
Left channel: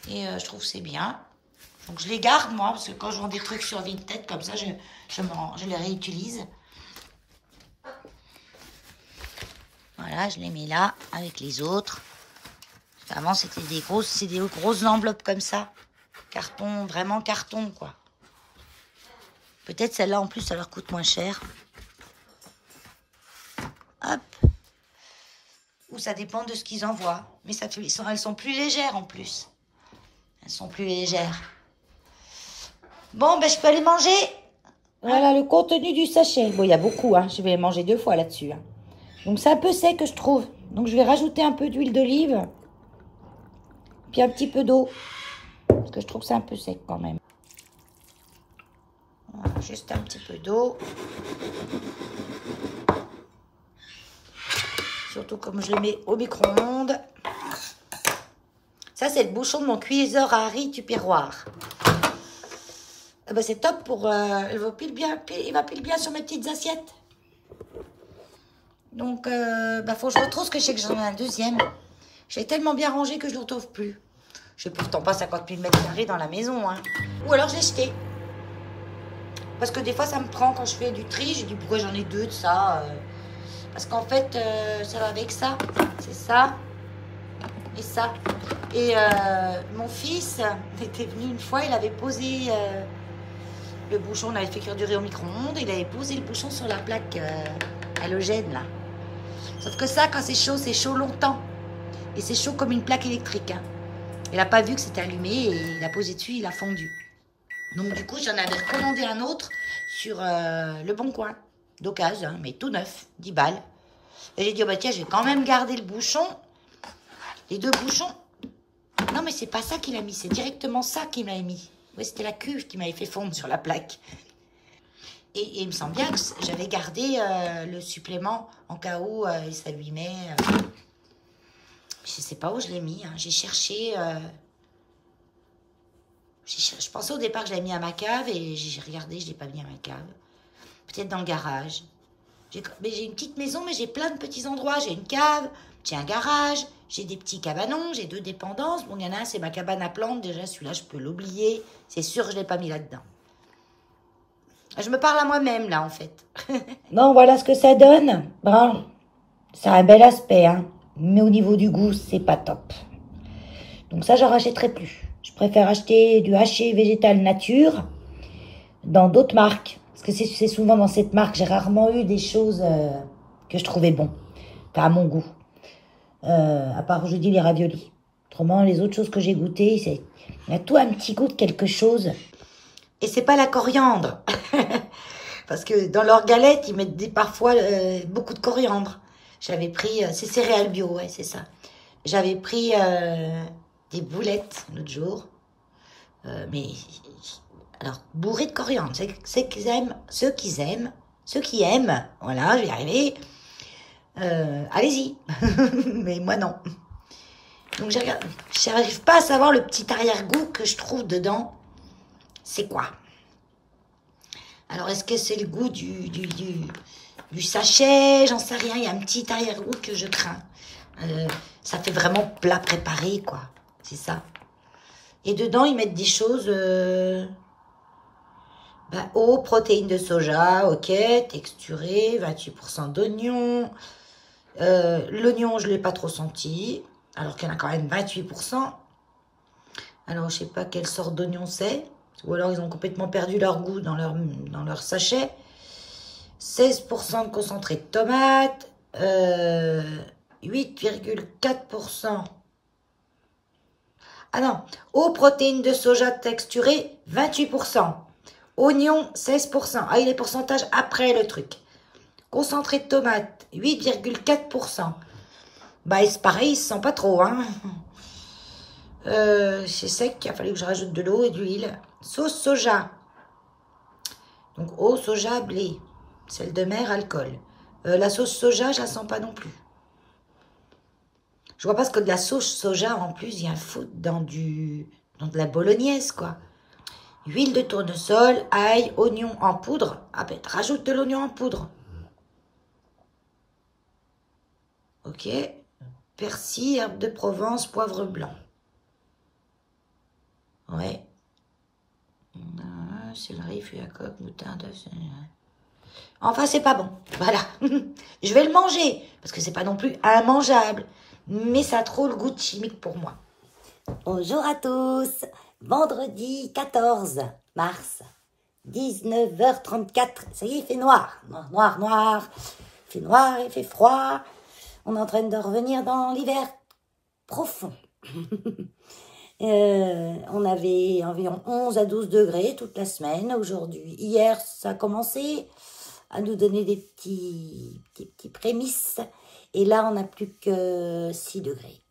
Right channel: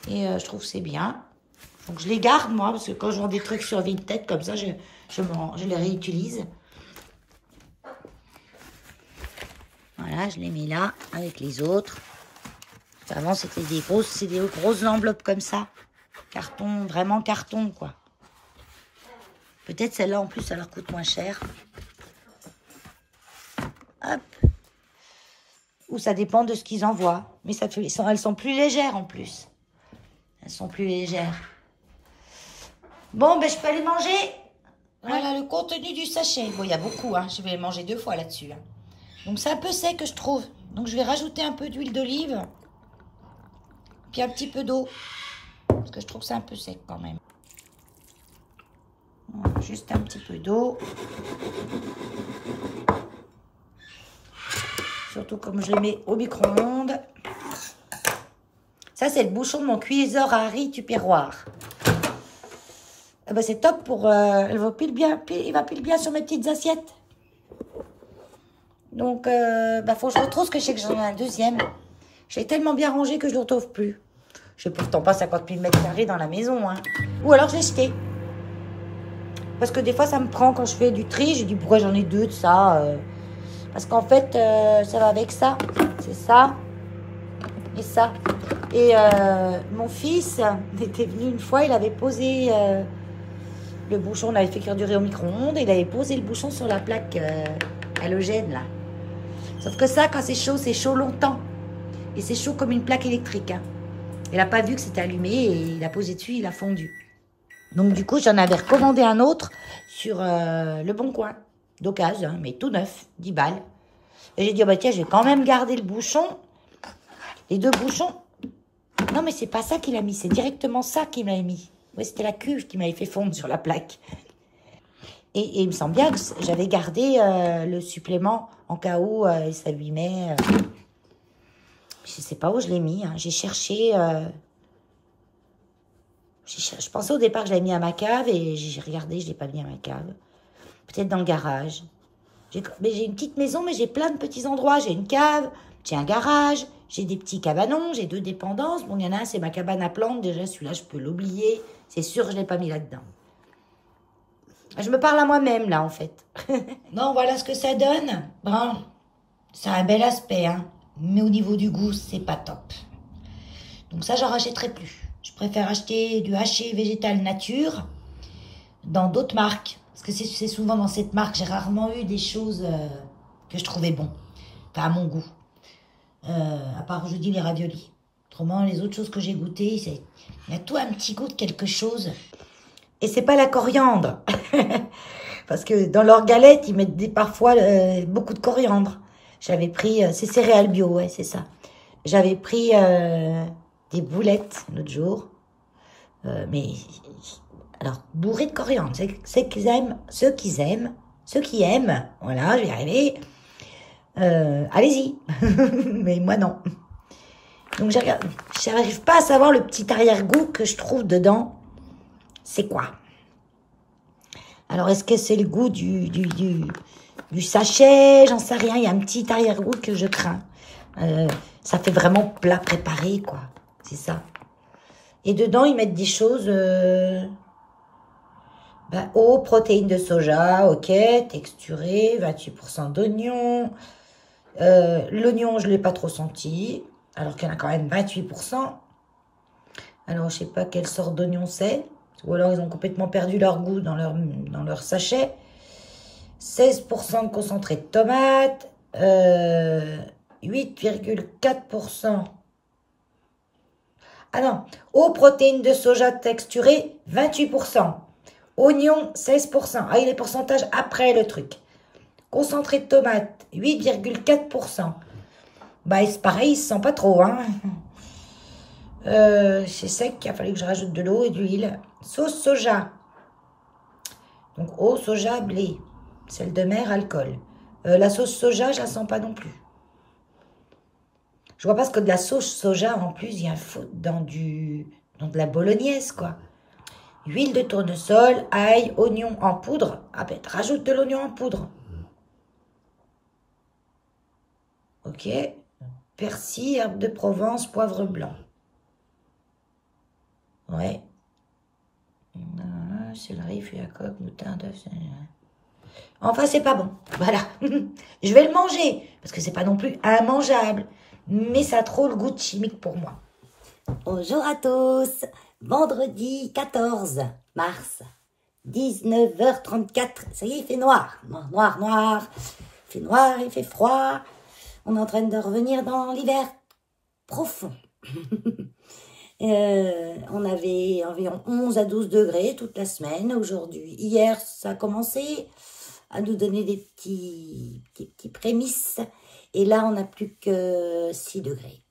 Et je trouve que c'est bien. Donc, je les garde, moi, parce que quand je vends des trucs sur Vinted, comme ça, je les réutilise. Voilà, je les mets là, avec les autres. Avant, c'était des grosses enveloppes comme ça. Carton, vraiment carton, quoi. Peut-être celle-là, en plus, ça leur coûte moins cher. Hop. Ou ça dépend de ce qu'ils envoient. Mais elles sont plus légères, en plus. Elles sont plus légères. Bon, ben, je peux aller manger. Voilà le contenu du sachet. Bon, il y a beaucoup, hein. Je vais manger 2 fois là-dessus, hein. Donc, c'est un peu sec, je trouve. Donc, je vais rajouter un peu d'huile d'olive. Puis un petit peu d'eau. Parce que je trouve que c'est un peu sec quand même. Voilà, juste un petit peu d'eau. Surtout comme je le mets au micro-ondes. Ça, c'est le bouchon de mon cuiseur à riz tupperware. Eh ben, c'est top pour... il va pile bien sur mes petites assiettes. Donc, bah, faut que je retrouve, parce que je sais que j'en ai un deuxième. J'ai tellement bien rangé que je ne le retrouve plus. Je n'ai pourtant pas 50 000 mètres carrés dans la maison, hein. Ou alors, je l'ai jeté. Parce que des fois, ça me prend quand je fais du tri. J'ai dit, pourquoi j'en ai 2 de ça Parce qu'en fait, ça va avec ça. C'est ça. Et ça. Et mon fils était venu une fois, il avait posé le bouchon. On avait fait cuire du riz au micro-ondes. Il avait posé le bouchon sur la plaque halogène, là. Sauf que ça, quand c'est chaud longtemps. Et c'est chaud comme une plaque électrique, hein. Il n'a pas vu que c'était allumé et il a posé dessus, il a fondu. Donc, du coup, j'en avais recommandé un autre sur Le Bon Coin, d'occasion, hein, mais tout neuf, 10 balles. Et j'ai dit, oh bah tiens, je vais quand même garder le bouchon, les 2 bouchons. Non, mais c'est pas ça qu'il a mis, c'est directement ça qu'il m'avait mis. Ouais, c'était la cuve qui m'avait fait fondre sur la plaque. Et il me semble bien que j'avais gardé le supplément en cas où il s'abîmait. Je sais pas où je l'ai mis, hein. J'ai cherché... Je pensais au départ que je l'avais mis à ma cave et j'ai regardé, je ne l'ai pas mis à ma cave. Peut-être dans le garage. J'ai une petite maison, mais j'ai plein de petits endroits. J'ai une cave, j'ai un garage, j'ai des petits cabanons, j'ai 2 dépendances. Bon, il y en a un, c'est ma cabane à plantes. Déjà, celui-là, je peux l'oublier. C'est sûr que je ne l'ai pas mis là-dedans. Je me parle à moi-même, là, en fait. Non, voilà ce que ça donne. Bon, ça a un bel aspect, hein. Mais au niveau du goût, c'est pas top. Donc ça, j'en rachèterai plus. Je préfère acheter du haché végétal nature dans d'autres marques. Parce que c'est souvent dans cette marque, j'ai rarement eu des choses que je trouvais bon. Enfin, à mon goût. À part, je dis, les raviolis. Autrement, les autres choses que j'ai goûtées, il y a tout un petit goût de quelque chose. Et c'est pas la coriandre. Parce que dans leurs galettes, ils mettent parfois beaucoup de coriandre. J'avais pris... c'est céréales bio, ouais, c'est ça. J'avais pris... des boulettes l'autre jour, mais alors bourrées de coriandre. Ceux qui aiment, voilà, je vais y arriver. Allez-y, mais moi non. Donc j'arrive pas à savoir le petit arrière-goût que je trouve dedans. C'est quoi? Alors est-ce que c'est le goût du sachet? J'en sais rien. Il y a un petit arrière-goût que je crains. Ça fait vraiment plat préparé, quoi. C'est ça. Et dedans, ils mettent des choses... eau, protéines de soja, ok, texturé, 28% d'oignon. L'oignon, je ne l'ai pas trop senti, alors qu'il y en a quand même 28%. Alors, je ne sais pas quelle sorte d'oignon c'est. Ou alors, ils ont complètement perdu leur goût dans leur sachet. 16% de concentré de tomate. 8,4%. Ah non, eau, protéines de soja texturée, 28%. Oignon, 16%. Ah, il y a les pourcentages après le truc. Concentré de tomate, 8,4%. Bah, c'est pareil, il se sent pas trop, hein. C'est sec, il a fallu que je rajoute de l'eau et de l'huile. Sauce soja. Donc, eau, soja, blé. Sel de mer, alcool. La sauce soja, je la sens pas non plus. Je vois pas ce que de la sauce soja, en plus, il y a un foutre dans de la bolognaise, quoi. Huile de tournesol, ail, oignon en poudre. Ah ben, rajoute de l'oignon en poudre. Ok. Persil, herbe de Provence, poivre blanc. Ouais. Céleri, feuille à coque, moutarde. Enfin, c'est pas bon. Voilà. Je vais le manger. Parce que c'est pas non plus immangeable. Mais ça a trop le goût de chimique pour moi. Bonjour à tous. Vendredi 14 mars. 19h34. Ça y est, il fait noir. Noir, noir, noir. Il fait noir, il fait froid. On est en train de revenir dans l'hiver profond. On avait environ 11 à 12 degrés toute la semaine. Aujourd'hui, hier, ça a commencé à nous donner des petits prémices. Et là, on n'a plus que 6 degrés.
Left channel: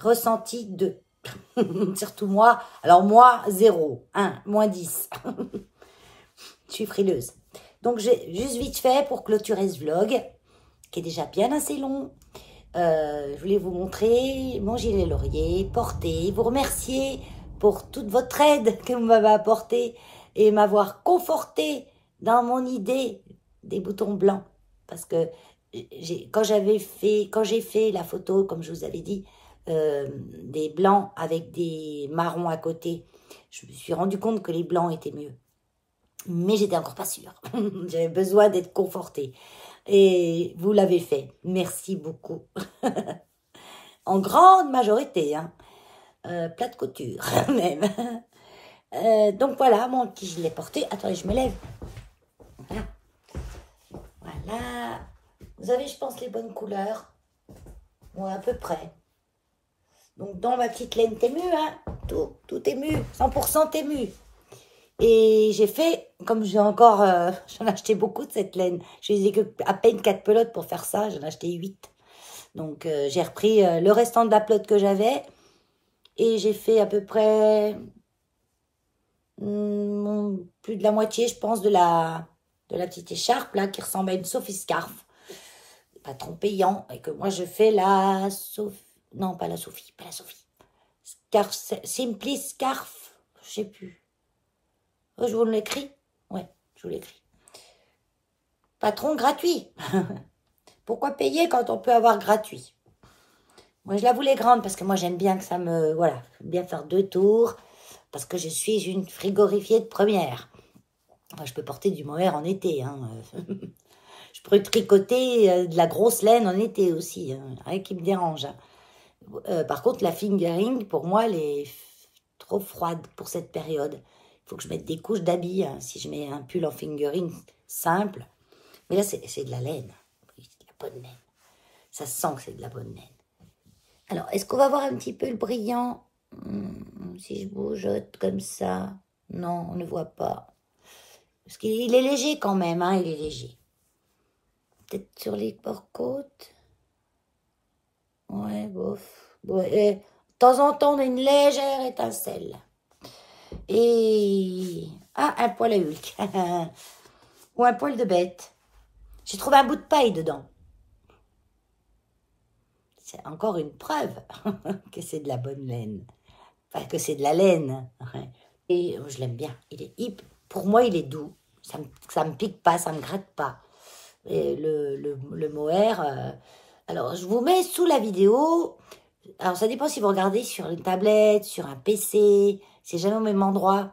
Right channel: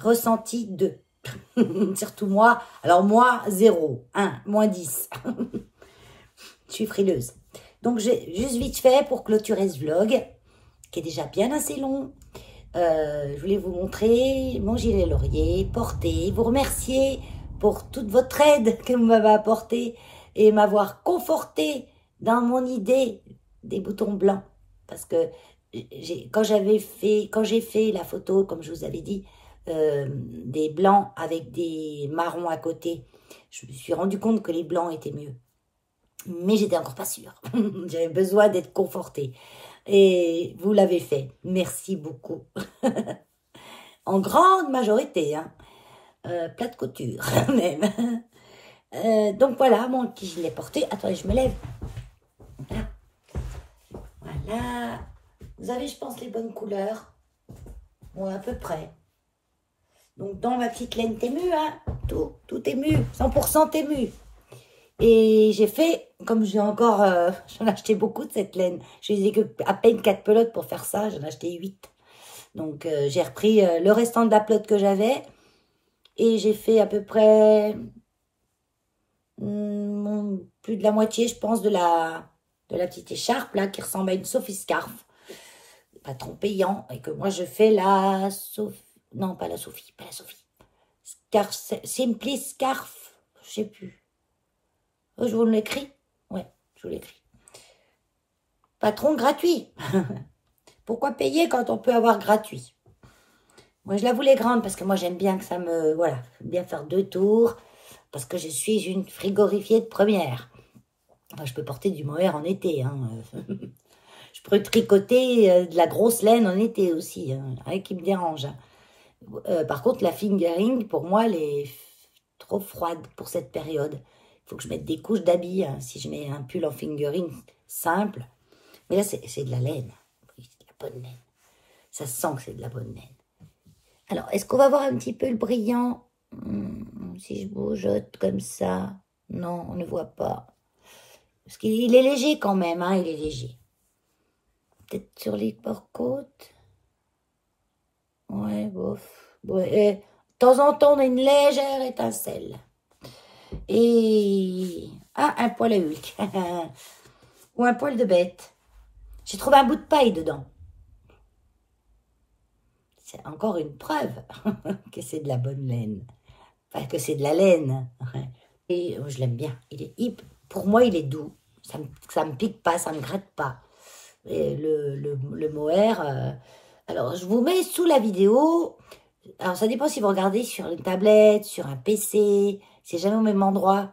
Ressenti 2. Surtout moi. Alors moi, 0, 1, moins 10. Je suis frileuse. Donc, j'ai juste vite fait pour clôturer ce vlog, qui est déjà bien assez long. Je voulais vous montrer mon gilet laurier porté, vous remercier pour toute votre aide que vous m'avez apportée et m'avoir conforté dans mon idée des boutons blancs. Parce que quand j'ai fait la photo, comme je vous avais dit, des blancs avec des marrons à côté, je me suis rendu compte que les blancs étaient mieux. Mais j'étais encore pas sûre. J'avais besoin d'être confortée. Et vous l'avez fait. Merci beaucoup. En grande majorité. Hein. Plat de couture, même. Donc voilà, mon petit gilet porté. Attendez, je me lève. Voilà. Voilà. Vous avez, je pense, les bonnes couleurs. Bon, à peu près. Donc, dans ma petite laine Temu, hein, tout Temu. 100% Temu. Et j'ai fait, comme j'ai encore, j'en ai acheté beaucoup de cette laine. Je n'ai que à peine 4 pelotes pour faire ça, j'en ai acheté 8. Donc j'ai repris le restant de la pelote que j'avais. Et j'ai fait à peu près plus de la moitié, je pense, de la petite écharpe là, qui ressemble à une Sophie Scarf. Pas trop payant. Et que moi je fais la Sophie. Non, pas la Sophie, pas la Sophie. Scarf, Simply Scarf, je sais plus. Je vous l'écris? Ouais, je vous l'écris. Patron gratuit. Pourquoi payer quand on peut avoir gratuit? Moi, je la voulais grande parce que moi, j'aime bien que ça me... Voilà, j'aime bien faire 2 tours parce que je suis une frigorifiée de première. Moi, je peux porter du mohair en été. Hein. Je peux tricoter de la grosse laine en été aussi. Hein. Rien qui me dérange. Hein. Par contre, la fingering, pour moi, elle est trop froide pour cette période. Il faut que je mette des couches d'habits, hein, si je mets un pull en fingering simple. Mais là, c'est de la laine. C'est de la bonne laine. Ça se sent que c'est de la bonne laine. Alors, est-ce qu'on va voir un petit peu le brillant? Si je bougeote comme ça. Non, on ne voit pas. Parce qu'il est léger quand même, hein, il est léger. Peut-être sur les portes-côtes. Ouais, bof. Ouais, de temps en temps, on a une légère étincelle. Et... Ah, un poil à Hulk. Ou un poil de bête. J'ai trouvé un bout de paille dedans. C'est encore une preuve que c'est de la bonne laine. Enfin, que c'est de la laine. Et je l'aime bien. Pour moi, il est doux. Ça me pique pas, ça me gratte pas. Et le mohair... Alors, je vous mets sous la vidéo... Alors, ça dépend si vous regardez sur une tablette, sur un PC... C'est jamais au même endroit.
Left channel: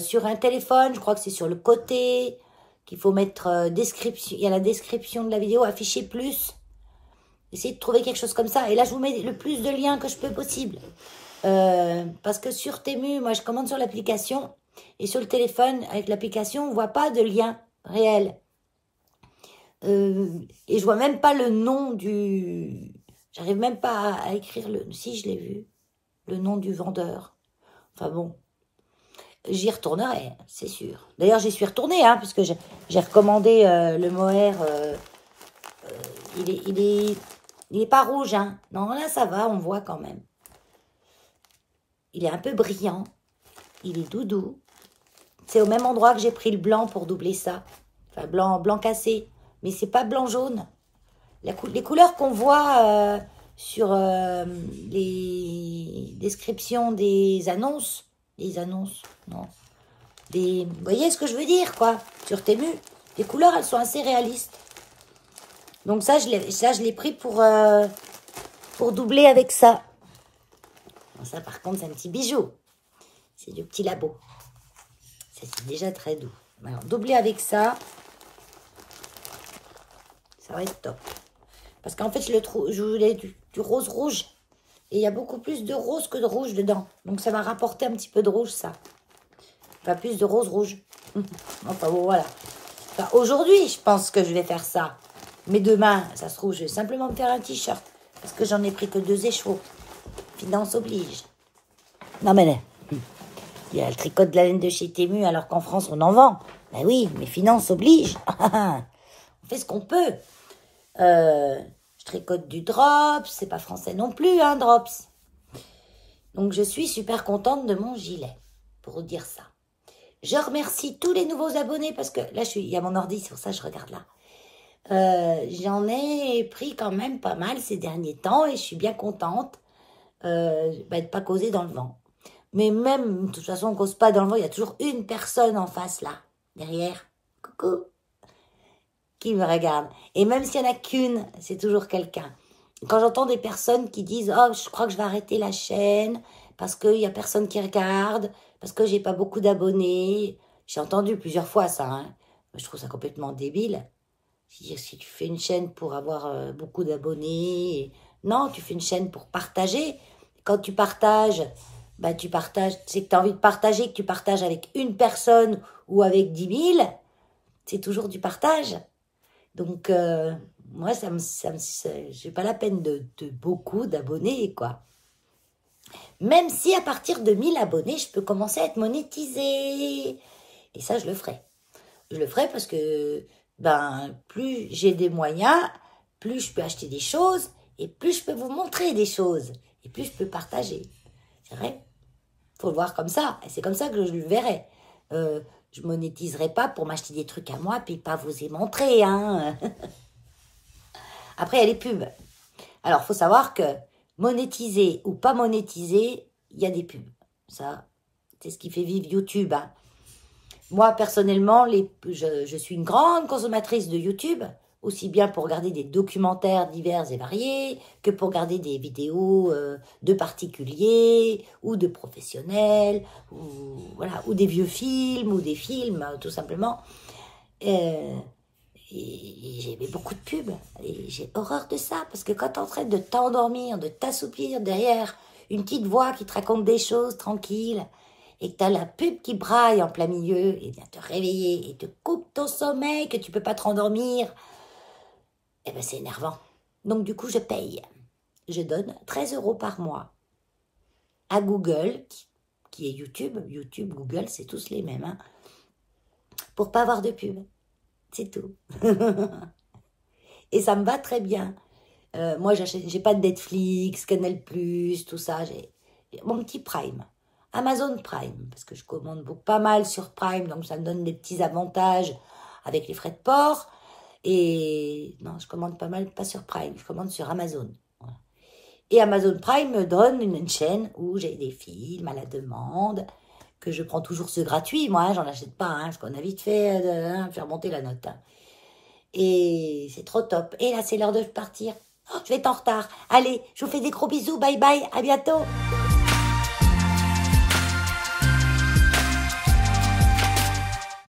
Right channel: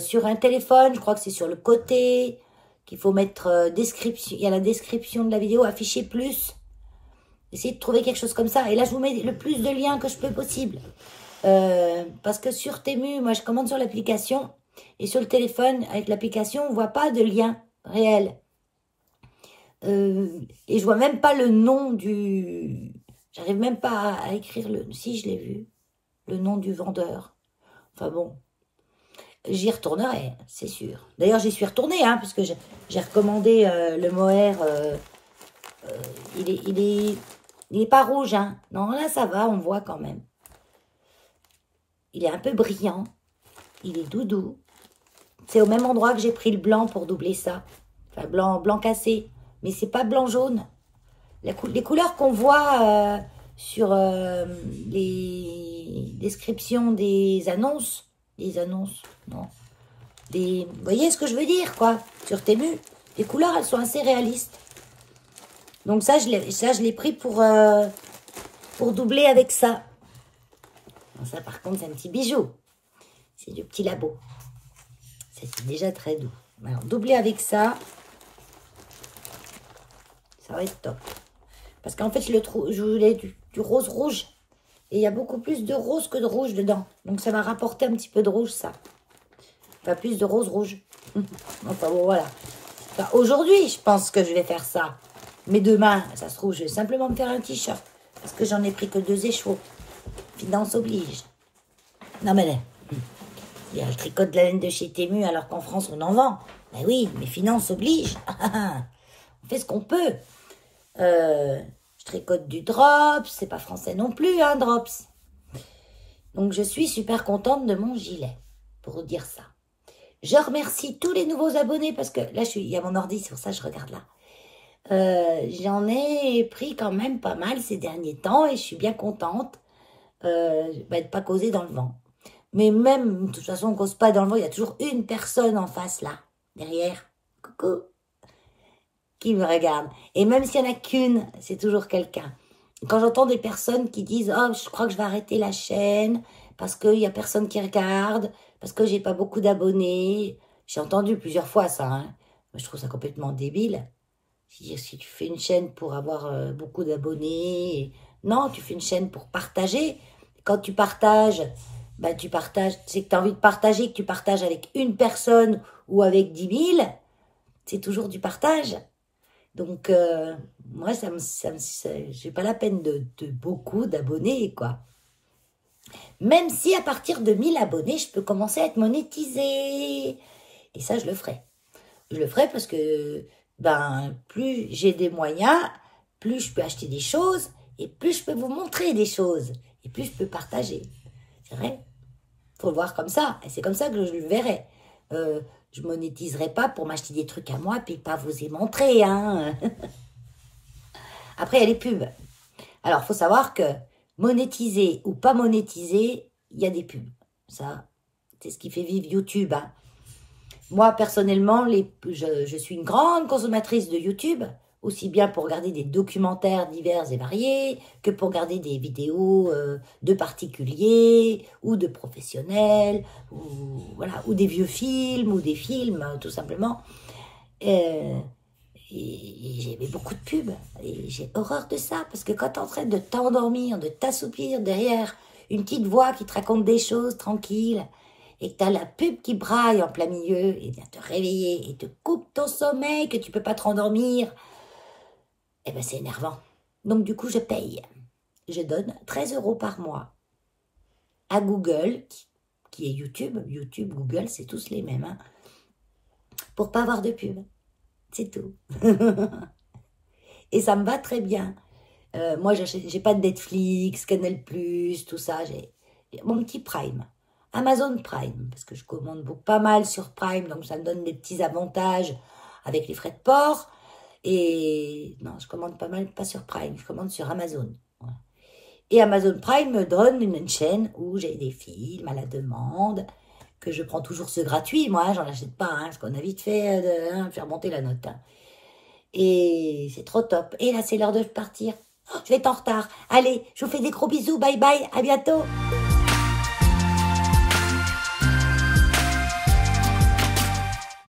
Sur un téléphone, je crois que c'est sur le côté qu'il faut mettre description. Il y a la description de la vidéo, afficher plus. Essayez de trouver quelque chose comme ça. Et là, je vous mets le plus de liens que je peux possible. Parce que sur Temu, moi, je commande sur l'application. Et sur le téléphone, avec l'application, on ne voit pas de lien réel. Et je vois même pas le nom du... J'arrive même pas à écrire le... Si, je l'ai vu. Le nom du vendeur. Enfin bon, j'y retournerai, c'est sûr. D'ailleurs, j'y suis retournée, hein, parce que j'ai recommandé le mohair. Il est pas rouge, hein. Non, là, ça va, on voit quand même. Il est un peu brillant. Il est doudou. C'est au même endroit que j'ai pris le blanc pour doubler ça. Enfin, blanc cassé. mais c'est pas blanc-jaune. Les couleurs qu'on voit sur les descriptions des annonces, non. Vous voyez ce que je veux dire, quoi, sur Temu. Les couleurs, elles sont assez réalistes. Donc ça, je l'ai pris pour doubler avec ça. Bon, ça, par contre, c'est un petit bijou. C'est du petit labo. Ça, c'est déjà très doux. Alors, doubler avec ça, ça va être top. Parce qu'en fait, je voulais du rose rouge. Et il y a beaucoup plus de rose que de rouge dedans. Donc, ça m'a rapporté un petit peu de rouge, ça. Pas plus de rose rouge. Enfin, bon, voilà. Enfin, aujourd'hui, je pense que je vais faire ça. Mais demain, ça se trouve, je vais simplement me faire un t-shirt. Parce que j'en ai pris que 2 échevaux. Finance oblige. Non, mais là, il y a le tricot de la laine de chez Temu, alors qu'en France, on en vend. Ben oui, mais finance oblige. On fait ce qu'on peut. Je tricote du drops. C'est pas français non plus, hein, drops. Donc, je suis super contente de mon gilet. Pour vous dire ça. Je remercie tous les nouveaux abonnés parce que là, il y a mon ordi, c'est pour ça que je regarde là. J'en ai pris quand même pas mal ces derniers temps et je suis bien contente de pas causer dans le vent. Mais même, de toute façon, on cause pas dans le vent, il y a toujours une personne en face là, derrière. Coucou. Qui me regarde. Et même s'il n'y en a qu'une, c'est toujours quelqu'un. Quand j'entends des personnes qui disent « Oh, je crois que je vais arrêter la chaîne parce qu'il n'y a personne qui regarde, parce que j'ai pas beaucoup d'abonnés. » J'ai entendu plusieurs fois ça. Hein. Je trouve ça complètement débile. Si tu fais une chaîne pour avoir beaucoup d'abonnés, non, tu fais une chaîne pour partager. Quand tu partages, bah, tu partages, c'est que tu as envie de partager, que tu partages avec une personne ou avec 10 000, c'est toujours du partage. Donc, moi, j'ai pas la peine de beaucoup d'abonnés, quoi. Même si à partir de 1000 abonnés, je peux commencer à être monétisée. Et ça, je le ferai. Je le ferai parce que ben, plus j'ai des moyens, plus je peux acheter des choses et plus je peux vous montrer des choses et plus je peux partager. C'est vrai. Faut le voir comme ça. Et c'est comme ça que je le verrai. Je monétiserai pas pour m'acheter des trucs à moi puis pas vous y montrer. Hein. Après, il y a les pubs. Alors, faut savoir que monétiser ou pas monétiser, il y a des pubs. Ça, c'est ce qui fait vivre YouTube. Hein. Moi, personnellement, je suis une grande consommatrice de YouTube, aussi bien pour regarder des documentaires divers et variés, que pour regarder des vidéos de particuliers ou de professionnels, ou, voilà, ou des vieux films, ou des films, tout simplement. Et j'ai beaucoup de pubs, et j'ai horreur de ça, parce que quand tu es en train de t'endormir, de t'assoupir derrière une petite voix qui te raconte des choses tranquilles, et que tu as la pub qui braille en plein milieu, et vient te réveiller, et te coupe ton sommeil, que tu peux pas te rendormir, eh ben c'est énervant. Donc du coup, je paye. Je donne 13 € par mois à Google, qui est YouTube. YouTube, Google, c'est tous les mêmes, hein, pour pas avoir de pub. C'est tout. Et ça me va très bien. Moi, j'ai pas de Netflix, Canal+, tout ça. J'ai mon petit Prime. Amazon Prime, parce que je commande pas mal sur Prime, donc ça me donne des petits avantages avec les frais de port. Et non, je commande pas mal, pas sur Prime, je commande sur Amazon. Voilà. Et Amazon Prime me donne une chaîne où j'ai des films à la demande, que je prends toujours ce gratuit, moi, j'en achète pas, hein, parce qu'on a vite fait faire monter la note. Hein. Et c'est trop top. Et là, c'est l'heure de partir. Oh, je vais être en retard. Allez, je vous fais des gros bisous, bye bye, à bientôt.